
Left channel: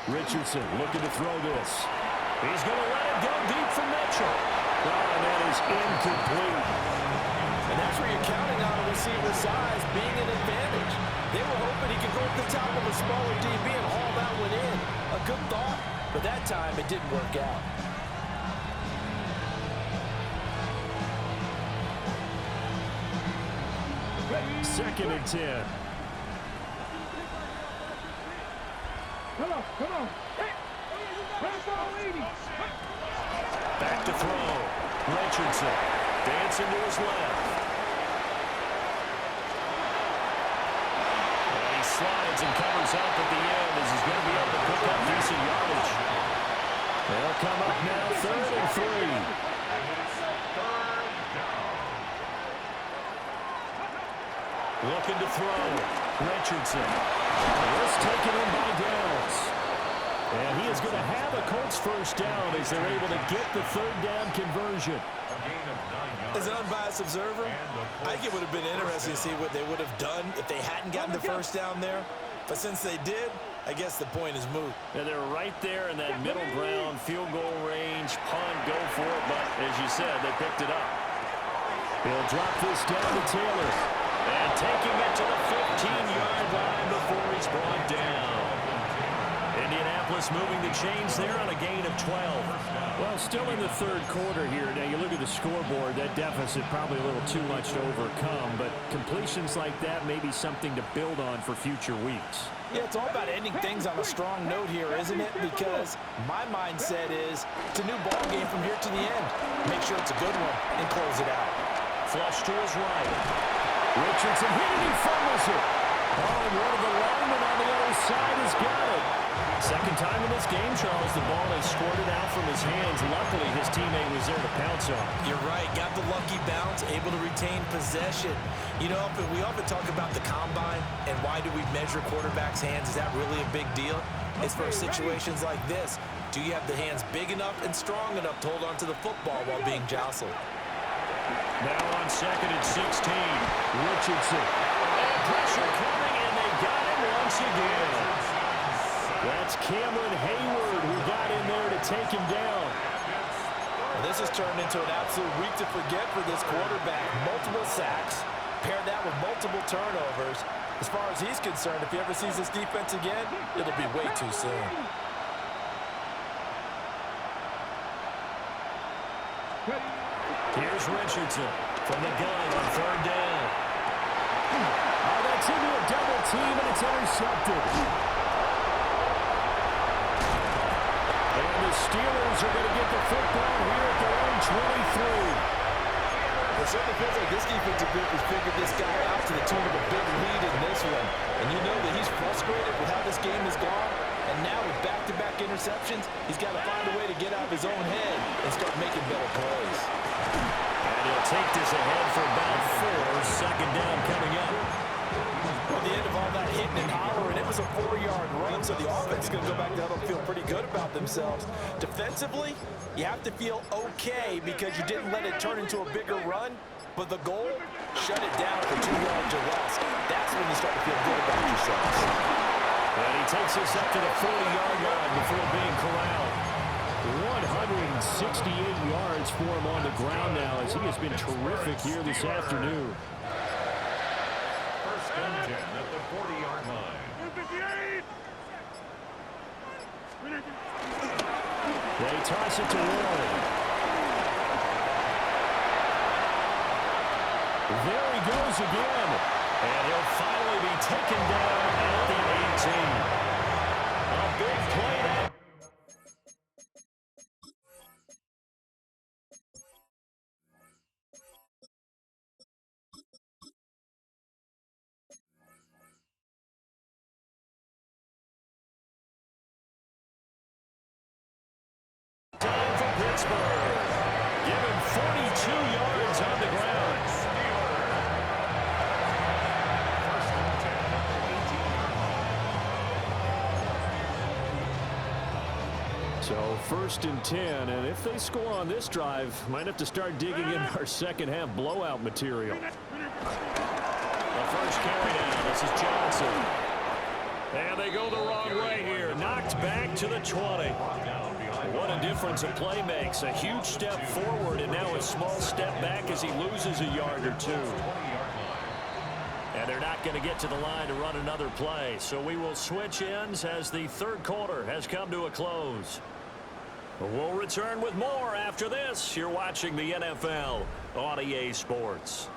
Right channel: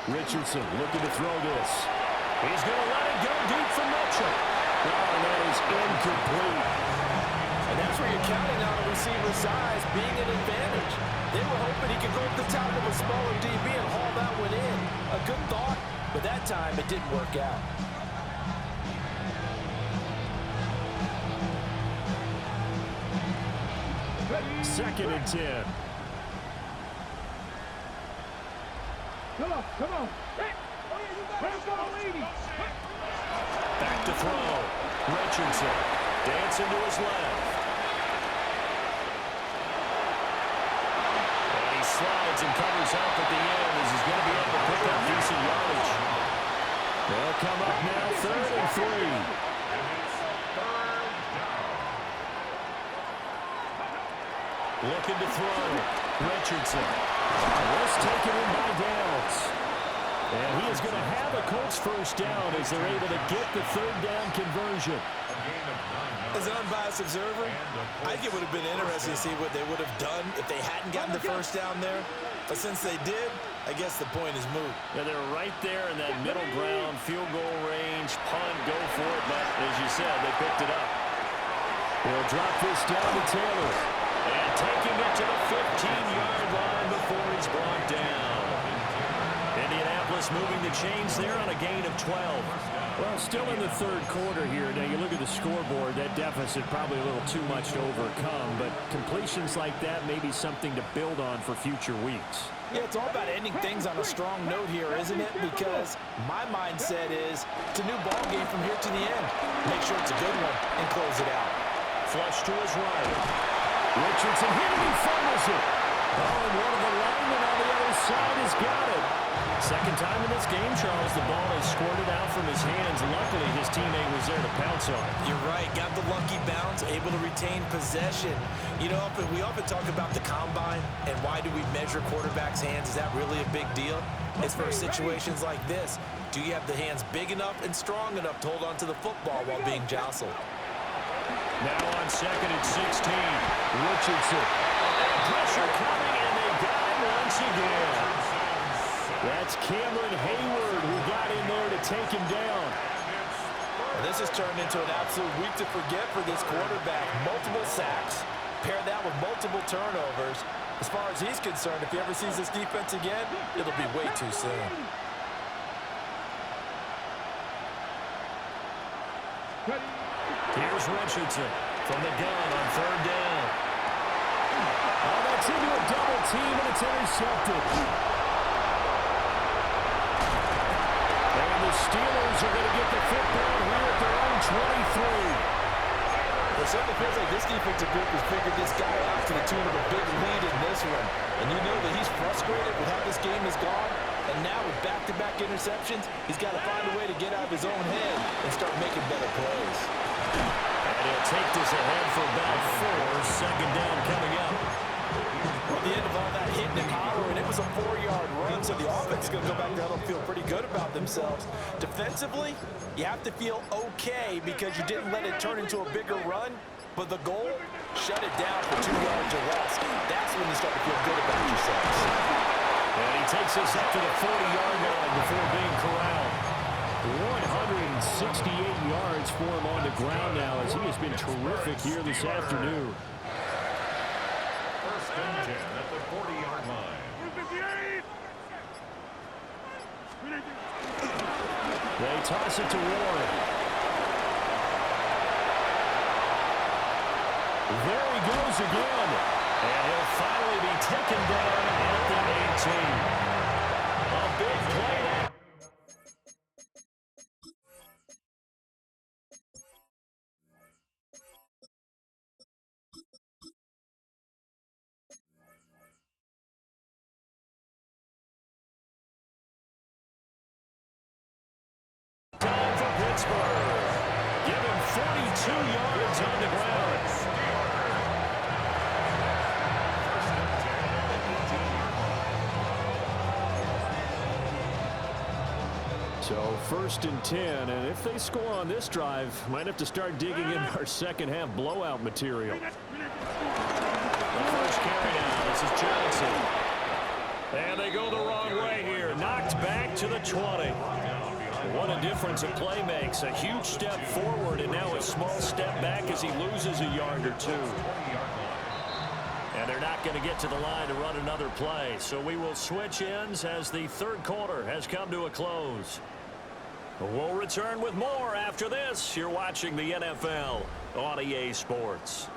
Richardson looking to throw this. He's going to let it go deep for Mitchell. Oh, and that is incomplete. And that's where you're counting on a receiver's size being an advantage. They were hoping he could go up the top of a smaller DB and haul that one in. A good thought, but that time it didn't work out. Second and 10. Come on. Hey. Let's go, lady. Back to throw. Richardson dancing to his left. And he slides and covers up at the end as he's going to be able to pick up decent yardage. They'll come up now, 3rd and 3. Looking to throw. Richardson. This taken in by Downs. And he is going to have a Colts first down as they're able to get the 3rd down conversion. As an unbiased observer, I think it would have been interesting to see what they would have done if they hadn't gotten the first down there. But since they did, I guess the point is moot. Yeah, they're right there in that middle ground, field goal range, punt, go for it. But as you said, they picked it up. He'll drop this down to Taylor. And taking it to the 15-yard line before he's brought down. Indianapolis moving the chains there on a gain of 12. Well, still in the 3rd quarter here. Now, you look at the scoreboard, that deficit probably a little too much to overcome, but completions like that may be something to build on for future weeks. Yeah, it's all about ending things on a strong note here, isn't it? Because my mindset is it's a new ball game from here to the end. Make sure it's a good one and close it out. Flush to his right. Richardson hit it, he fumbles it. Oh, and one of the linemen on the other side has got it. Second time in this game, Charles, the ball has squirted out from his hands. Luckily, his teammate was there to pounce on it. You're right. Got the lucky bounce, able to retain possession. You know, we often talk about the combine and why do we measure quarterbacks' hands. Is that really a big deal? It's for situations like this. Do you have the hands big enough and strong enough to hold on to the football while being jostled? Now on 2nd and 16, Richardson. And pressure coming, and they got him once again. That's Cameron Hayward who got in there to take him down. Well, this has turned into an absolute week to forget for this quarterback. Multiple sacks, pair that with multiple turnovers. As far as he's concerned, if he ever sees this defense again, it'll be way too soon. Here's Richardson from the gun on 3rd down. Oh, that's into a double team, and it's intercepted. And the Steelers are going to get the football here at their own 23. It certainly feels like this defensive group has figured this guy out to the tune of a big lead in this one. And you know that he's frustrated with how this game has gone. And now with back-to-back interceptions, he's got to find a way to get out of his own head and start making better plays. And he'll take this ahead for about 4. 2nd down coming up. Well, at the end of all that hitting and hollering, it was a 4-yard run, so the offense is going to go back to huddle and feel pretty good about themselves. Defensively, you have to feel okay because you didn't let it turn into a bigger run, but the goal, shut it down for 2 yards or less. That's when you start to feel good about yourselves. And he takes us up to the 40-yard line before being corralled. 168 yards for him on the ground now as he has been terrific here this afternoon. 1st and 10 at the 40-yard line. They toss it to Warren. There he goes again. And he'll finally be taken down at the 18. A big play now. Time for Pittsburgh. Give him 42 yards on the ground. 1st and 10 at the 18-yard line. So 1st and 10, and if they score on this drive, might have to start digging in our second half blowout material. The first carry down, this is Johnson. And they go the wrong way here, knocked back to the 20. What a difference a play makes. A huge step forward and now a small step back as he loses a yard or two. 20-yard line. And they're not going to get to the line to run another play. So we will switch ends as the third quarter has come to a close. We'll return with more after this. You're watching the NFL on EA Sports.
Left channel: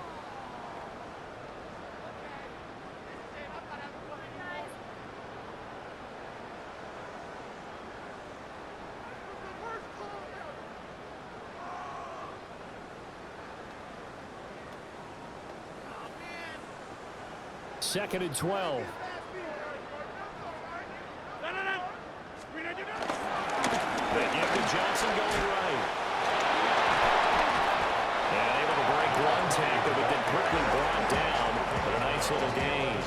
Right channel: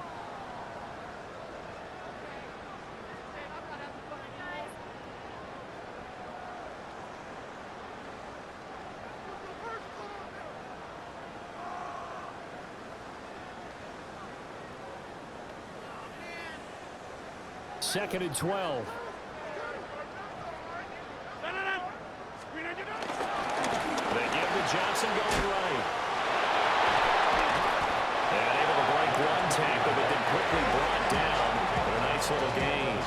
Second and 12. They give to Johnson going right. And able to break one tackle, but then quickly brought down. But a nice little gain.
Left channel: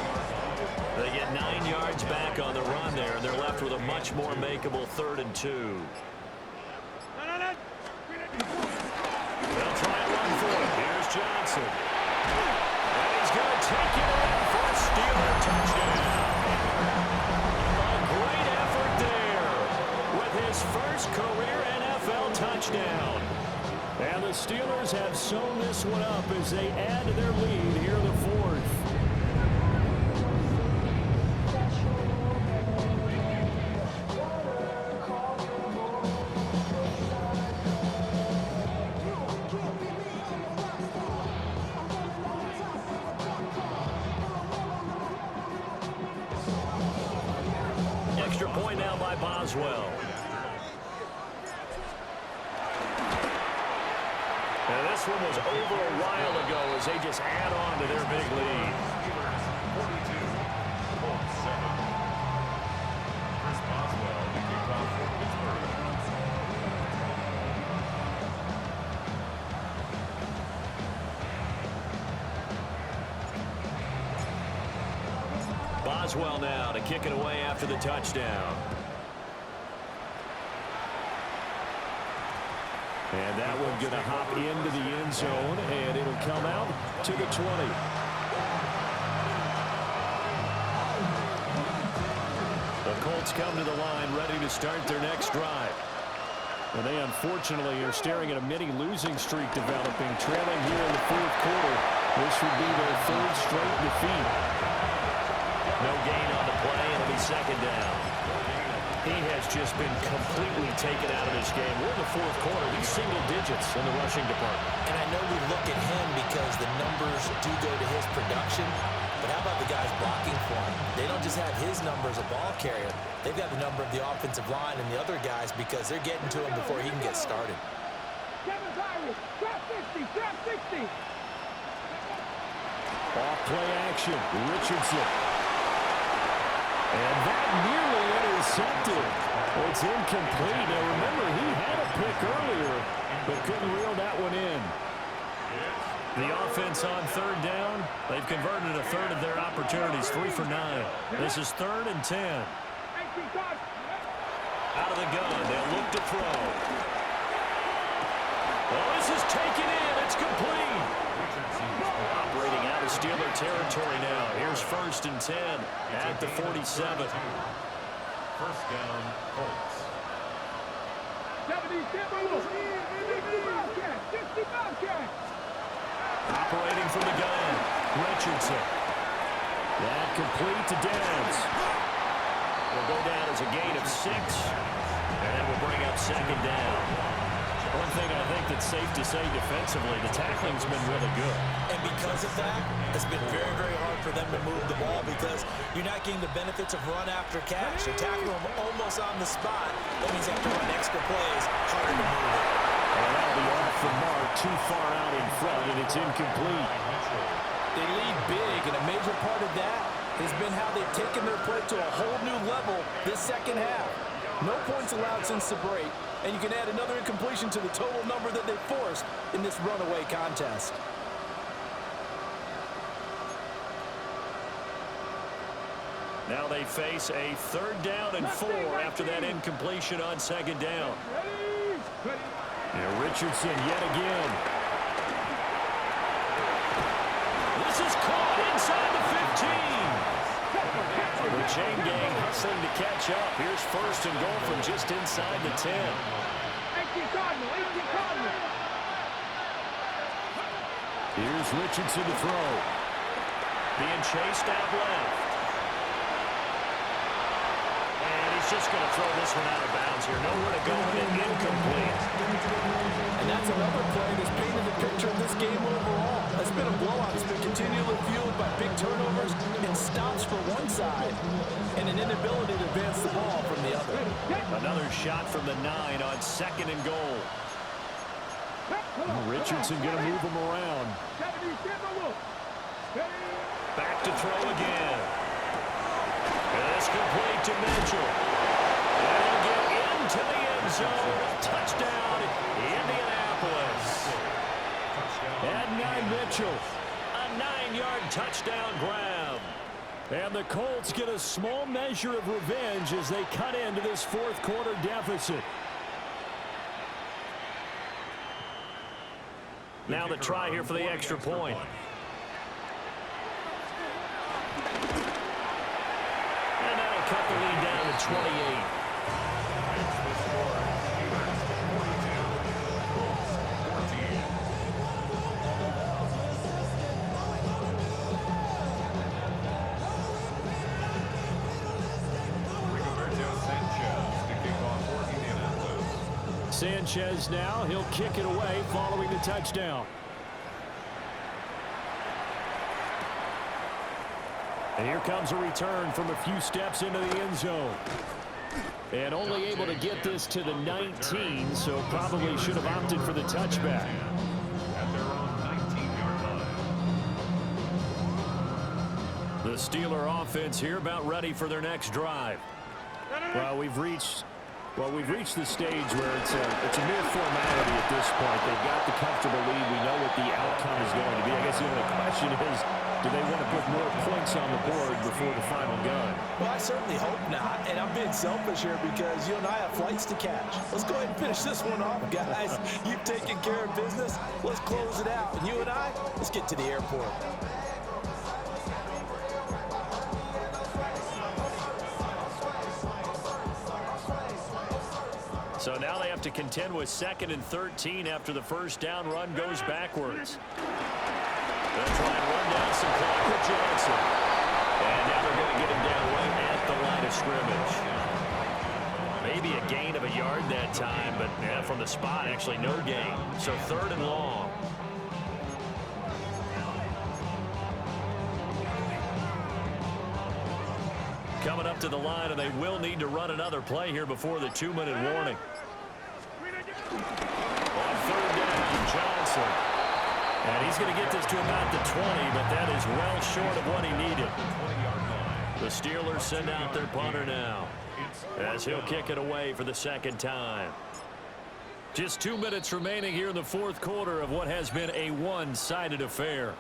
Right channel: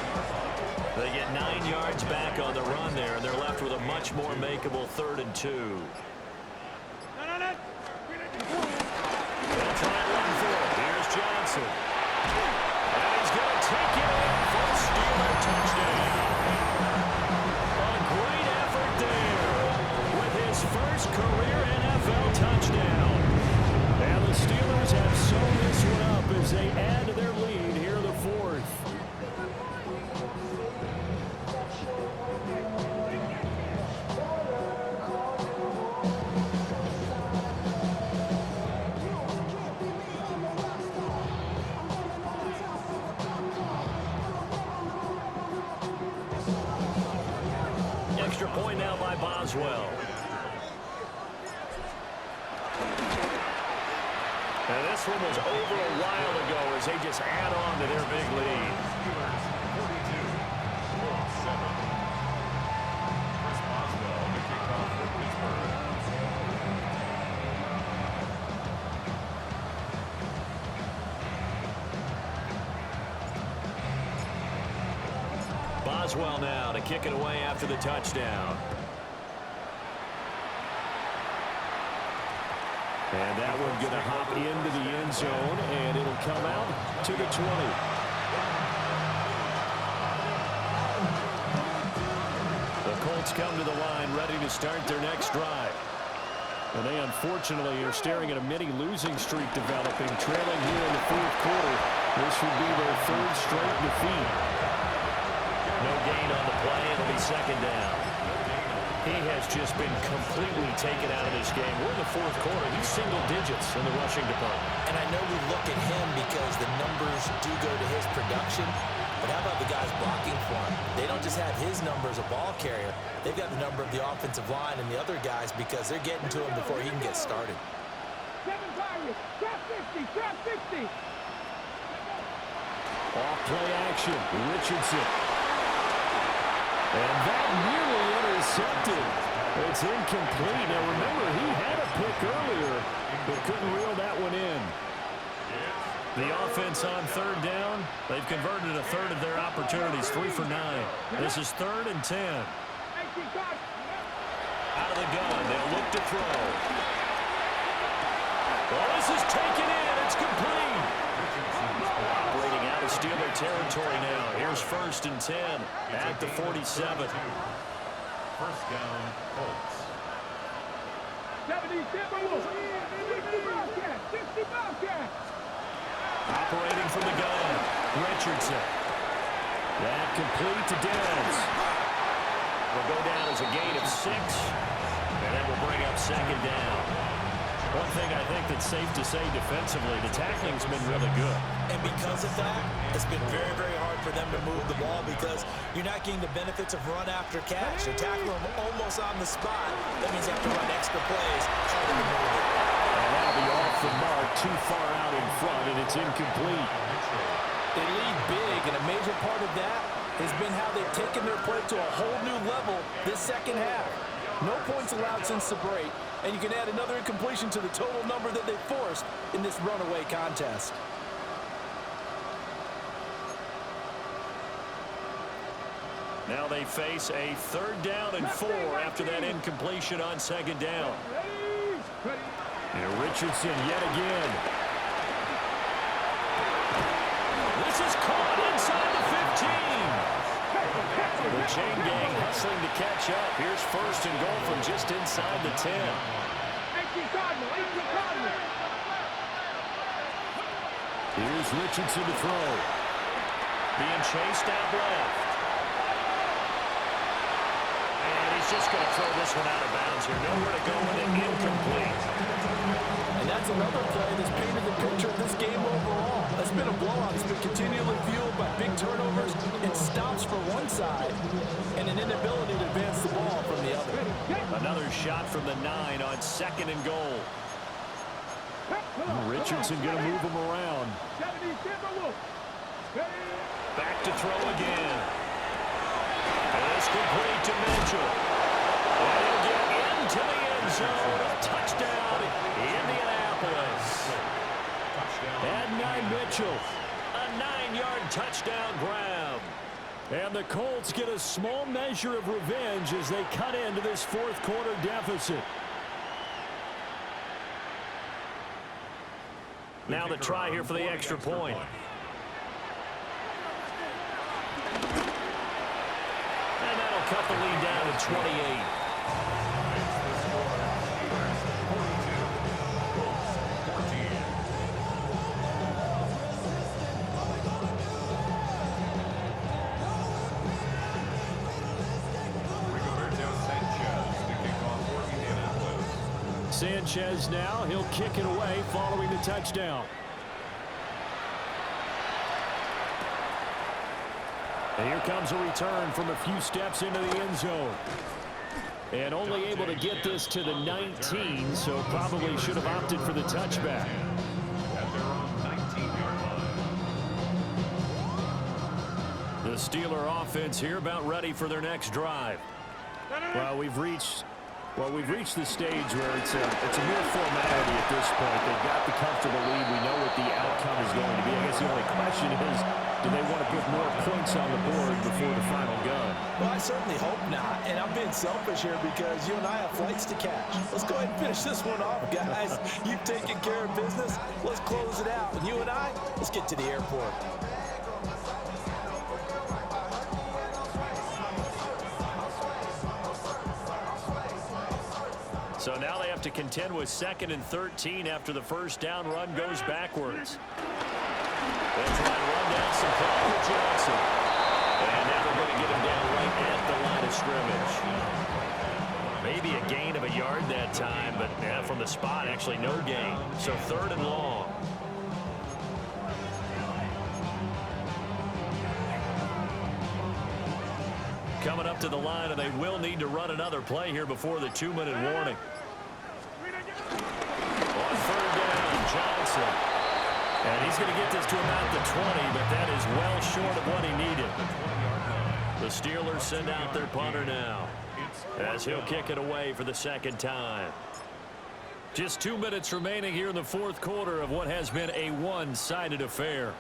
They get 9 yards back on the run there, and they're left with a much more makeable 3rd and 2. They'll try and run for it. Here's Johnson. And he's going to take it in for a Steeler touchdown. A great effort there with his first career NFL touchdown. And the Steelers have sewn this one up as they add to their lead here in the 4th. Extra point now by Boswell. And this one was over a while ago as they just add on to their big lead. Steelers 42, Colts 7. Chris Boswell, the kickoff for Pittsburgh. Boswell now to kick it away after the touchdown. And that one going to hop into the end zone, and it'll come out to the 20. The Colts come to the line ready to start their next drive. And they unfortunately are staring at a mini losing streak developing, trailing here in the 4th quarter. This would be their 3rd straight defeat. No gain on the play. It'll be 2nd down. He has just been completely taken out of this game. We're in the 4th quarter. He's single digits in the rushing department. And I know we look at him because the numbers do go to his production. But how about the guys blocking for him? They don't just have his number as a ball carrier. They've got the number of the offensive line and the other guys because they're getting to him before he can get started. Kevin Byron, drop 50, drop 60. Off play action. Richardson. And that nearly intercepted. It's incomplete. Now remember, he had a pick earlier, but couldn't reel that one in. The offense on 3rd down. They've converted a 1/3 of their opportunities, 3 for 9. This is 3rd and 10. Out of the gun, they'll look to throw. Well, this is taken in. It's complete. Operating out of Steeler territory now. Here's 1st and 10 at the 47. 1st down, Colts. 70 Bobcat, 60 Bobcat. Operating from the gun, Richardson. That complete to Downs. Will go down as a gain of 6, and that will bring up 2nd down. One thing I think that's safe to say defensively, the tackling's been really good. And because of that, it's been very, very hard for them to move the ball because you're not getting the benefits of run after catch. They tackle them almost on the spot. That means they have to run extra plays, harder to move it. And that'll be off the mark, too far out in front, and it's incomplete. They lead big, and a major part of that has been how they've taken their play to a whole new level this 2nd half. No points allowed since the break, and you can add another incompletion to the total number that they forced in this runaway contest. Now they face a 3rd down and 4 after that incompletion on 2nd down. And Richardson yet again. This is caught inside the 15. The chain gang hustling to catch up. Here's 1st and goal from just inside the 10. 18 Cardinal, 18 Cardinal. Here's Richardson to throw. Being chased out left. And he's just going to throw this one out of bounds here. Nowhere to go with it. Incomplete. And that's another play that's painted the picture of this game overall. It's been a blowout. It's been continually fueled by big turnovers and stops for one side and an inability to advance the ball from the other. Another shot from the 9 on 2nd and goal. Richardson going to move him around. Back to throw again. And it's complete to Mitchell. And he'll get into the end zone. Touchdown, Indianapolis. And Mitchell. A 9-yard touchdown grab. And the Colts get a small measure of revenge as they cut into this fourth quarter deficit. Now the try here for the extra point. And that'll cut the lead down to 28. Makes the score Steelers 42, Colts 14. Rigoberto Sanchez to kick off for Indianapolis. Sanchez now, he'll kick it away following the touchdown. And here comes a return from a few steps into the end zone. And only able to get this to the 19, so probably should have opted for the touchback. At their own 19-yard line. The Steeler offense here about ready for their next drive. Well, we've reached the stage where it's a mere formality at this point. They've got the comfortable lead. We know what the outcome is going to be. I guess the only question is, do they want to put more points on the board before the final gun? Well, I certainly hope not. And I'm being selfish here because you and I have flights to catch. Let's go ahead and finish this one off, guys. You've taken care of business. Let's close it out. And you and I, let's get to the airport. So now they have to contend with 2nd and 13 after the first down run goes backwards. They'll try and run down some clock with Johnson. And now they're going to get him down right at the line of scrimmage. Maybe a gain of a yard that time, but yeah, from the spot, actually no gain. So 3rd and long. Coming up to the line, and they will need to run another play here before the 2-minute warning. On 3rd down, Johnson. And he's going to get this to about the 20, but that is well short of what he needed. The Steelers send out their punter now as he'll kick it away for the 2nd time. Just 2 minutes remaining here in the fourth quarter of what has been a one-sided affair.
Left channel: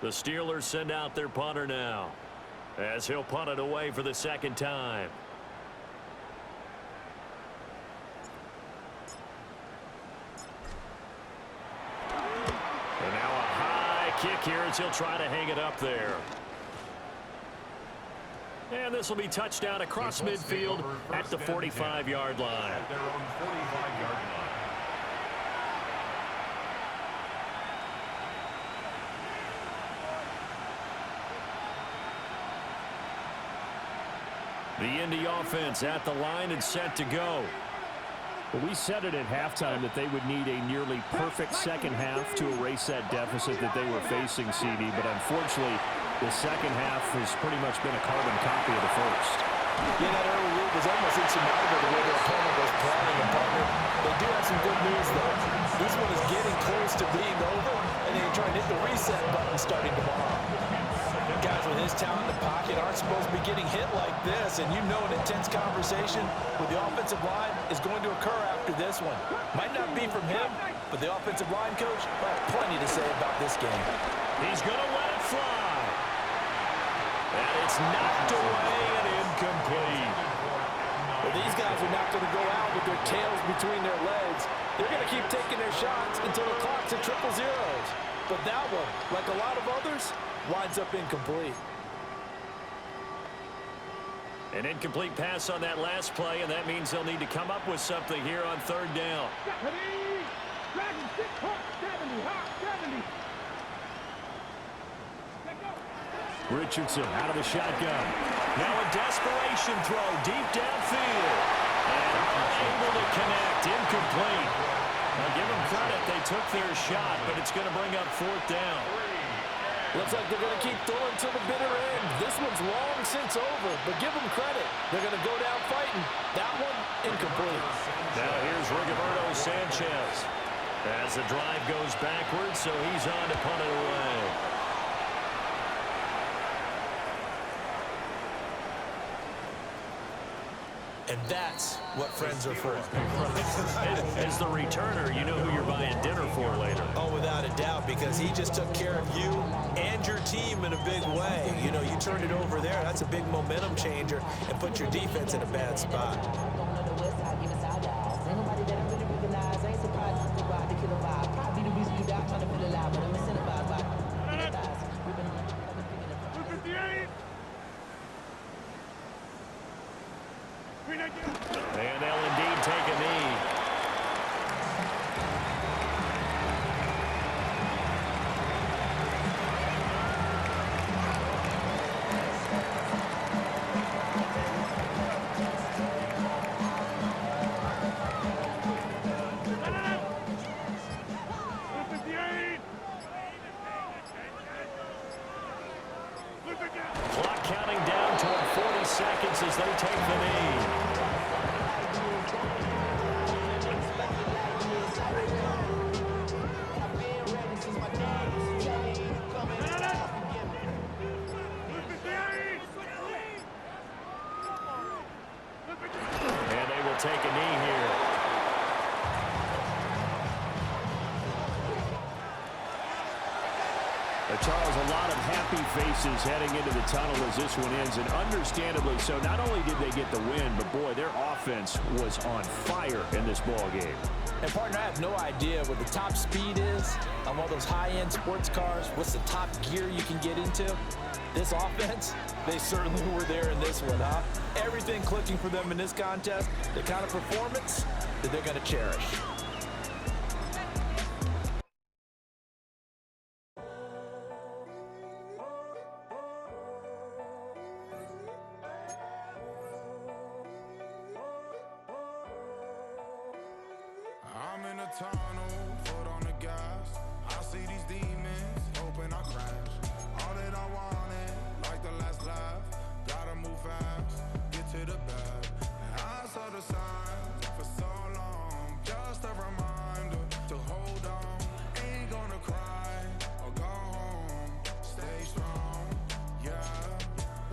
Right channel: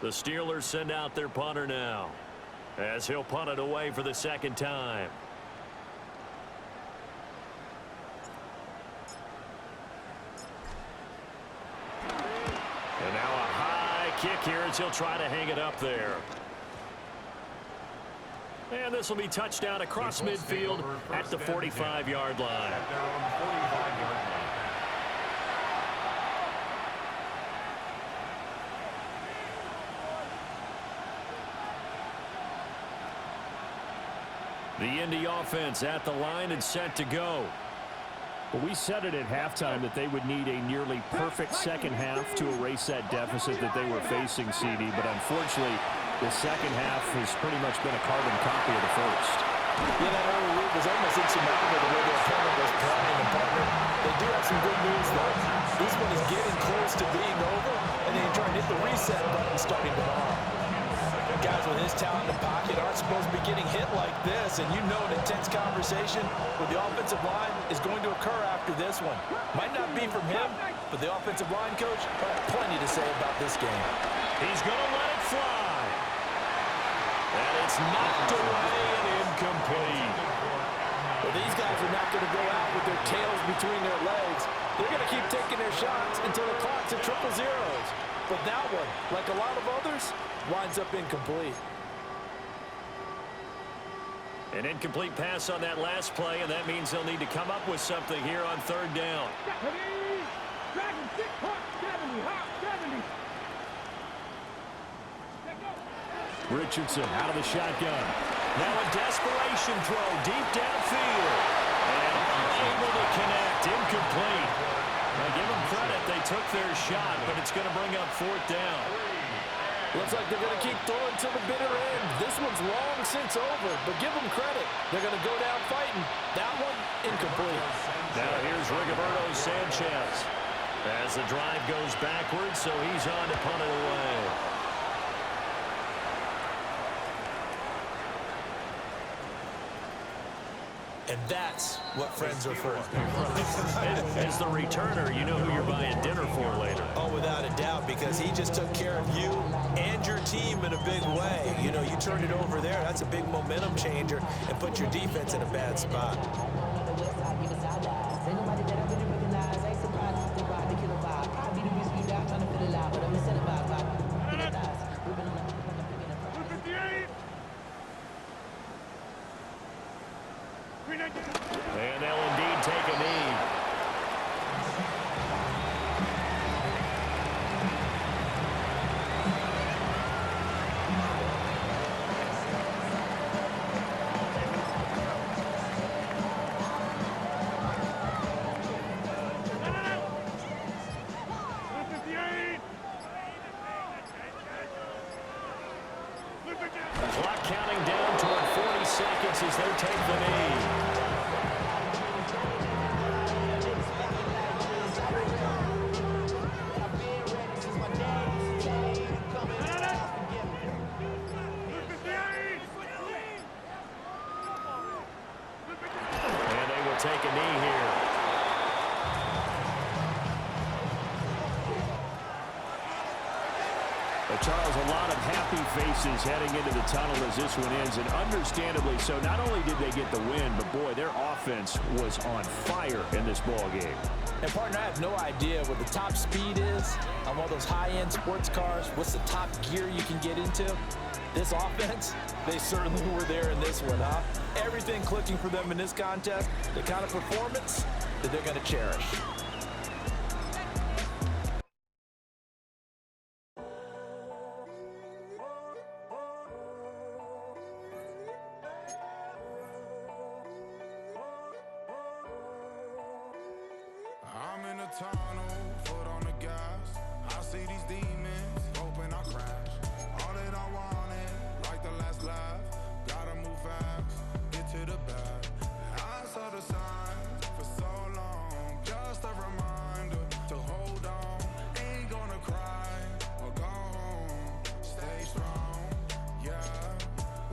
The Steelers send out their punter now as he'll punt it away for the 2nd time. And now a high kick here as he'll try to hang it up there. And this will be touchdown across midfield at the 45-yard line. At their own 45-yard line. The Indy offense at the line and set to go. Well, we said it at halftime that they would need a nearly perfect second half to erase that deficit that they were facing, CD. But unfortunately, the second half has pretty much been a carbon copy of the first. Yeah, that early lead was almost insurmountable the way their opponent was playing. And, partner, they do have some good news, though. This one is getting close to being over, and they try and hit the reset button starting tomorrow. Guys with his talent in the pocket aren't supposed to be getting hit like this, and you know an intense conversation with the offensive line is going to occur after this one. Might not be from him, but the offensive line coach will have plenty to say about this game. He's going to let it fly. And it's knocked away and incomplete. Well, these guys are not going to go out with their tails between their legs. They're going to keep taking their shots until the clock's at triple zeros. But that one, like a lot of others, winds up incomplete. An incomplete pass on that last play, and that means they'll need to come up with something here on third down. Dragon 6, hot 70, hot 70. Richardson out of the shotgun. Now a desperation throw deep downfield. And unable to connect. Incomplete. Now give them credit. They took their shot, but it's going to bring up fourth down. Looks like they're going to keep throwing till the bitter end. This one's long since over, but give them credit. They're going to go down fighting. That one, incomplete. Now here's Rigoberto Sanchez. As the drive goes backwards, so he's on to punt it away. And that's what friends are for. As the returner, you know who you're buying dinner for later. Oh, without a doubt, because he just took care of you and your team in a big way. You know, you turned it over there. That's a big momentum changer and put your defense in a bad spot. And they'll indeed take a knee. Clock counting down toward 40 seconds as they take the knee. And they will take a knee here. Charles, a lot of happy faces heading into the tunnel as this one ends, and understandably so. Not only did they get the win, but boy, their offense was on fire in this ball game. And partner, I have no idea what the top speed is on one of those high-end sports cars. What's the top gear you can get into? This offense, they certainly were there in this one, huh? Everything clicking for them in this contest, the kind of performance that they're going to cherish. I'm in a tunnel, foot on the gas. I see these demons, hoping I crash. All that I wanted, like the last laugh. Gotta move fast, get to the bag. I saw the signs for so long. Just a reminder to hold on. Ain't gonna cry or go home. Stay strong, yeah.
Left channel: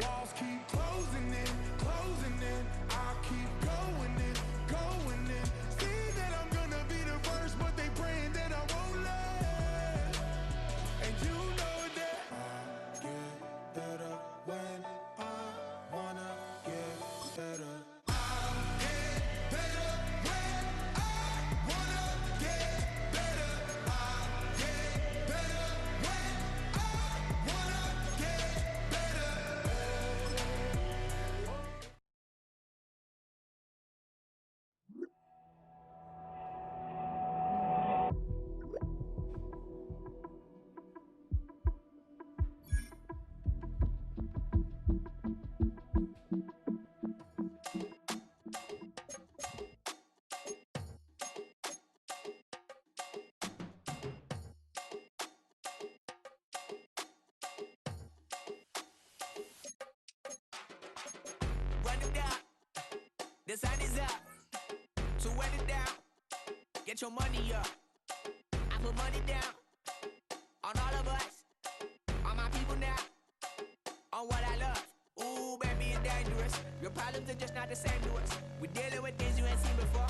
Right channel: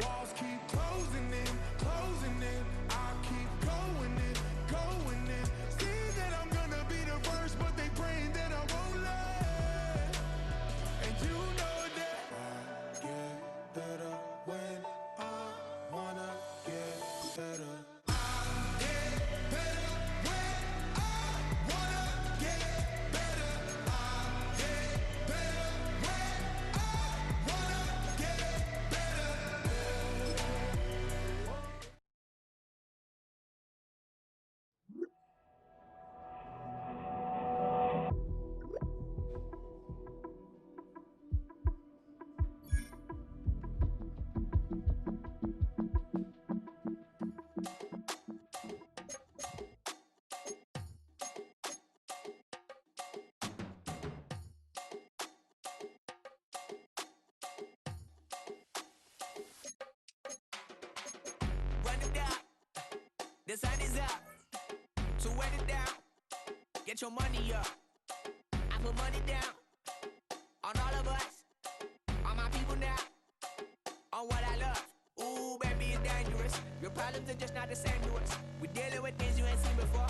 Walls keep closing in, closing in. I keep going in, going in. See that I'm gonna be the first, but they praying that I won't let. And you know that I get better when I wanna get better. I get better when I wanna get better. I get better when I wanna get better. Run it down. The sun is up. So run it down. Get your money up. I put money down on all of us, on my people now, on what I love. Ooh, baby, it's dangerous. Your problems are just not the same to us. We're dealing with things you ain't seen before.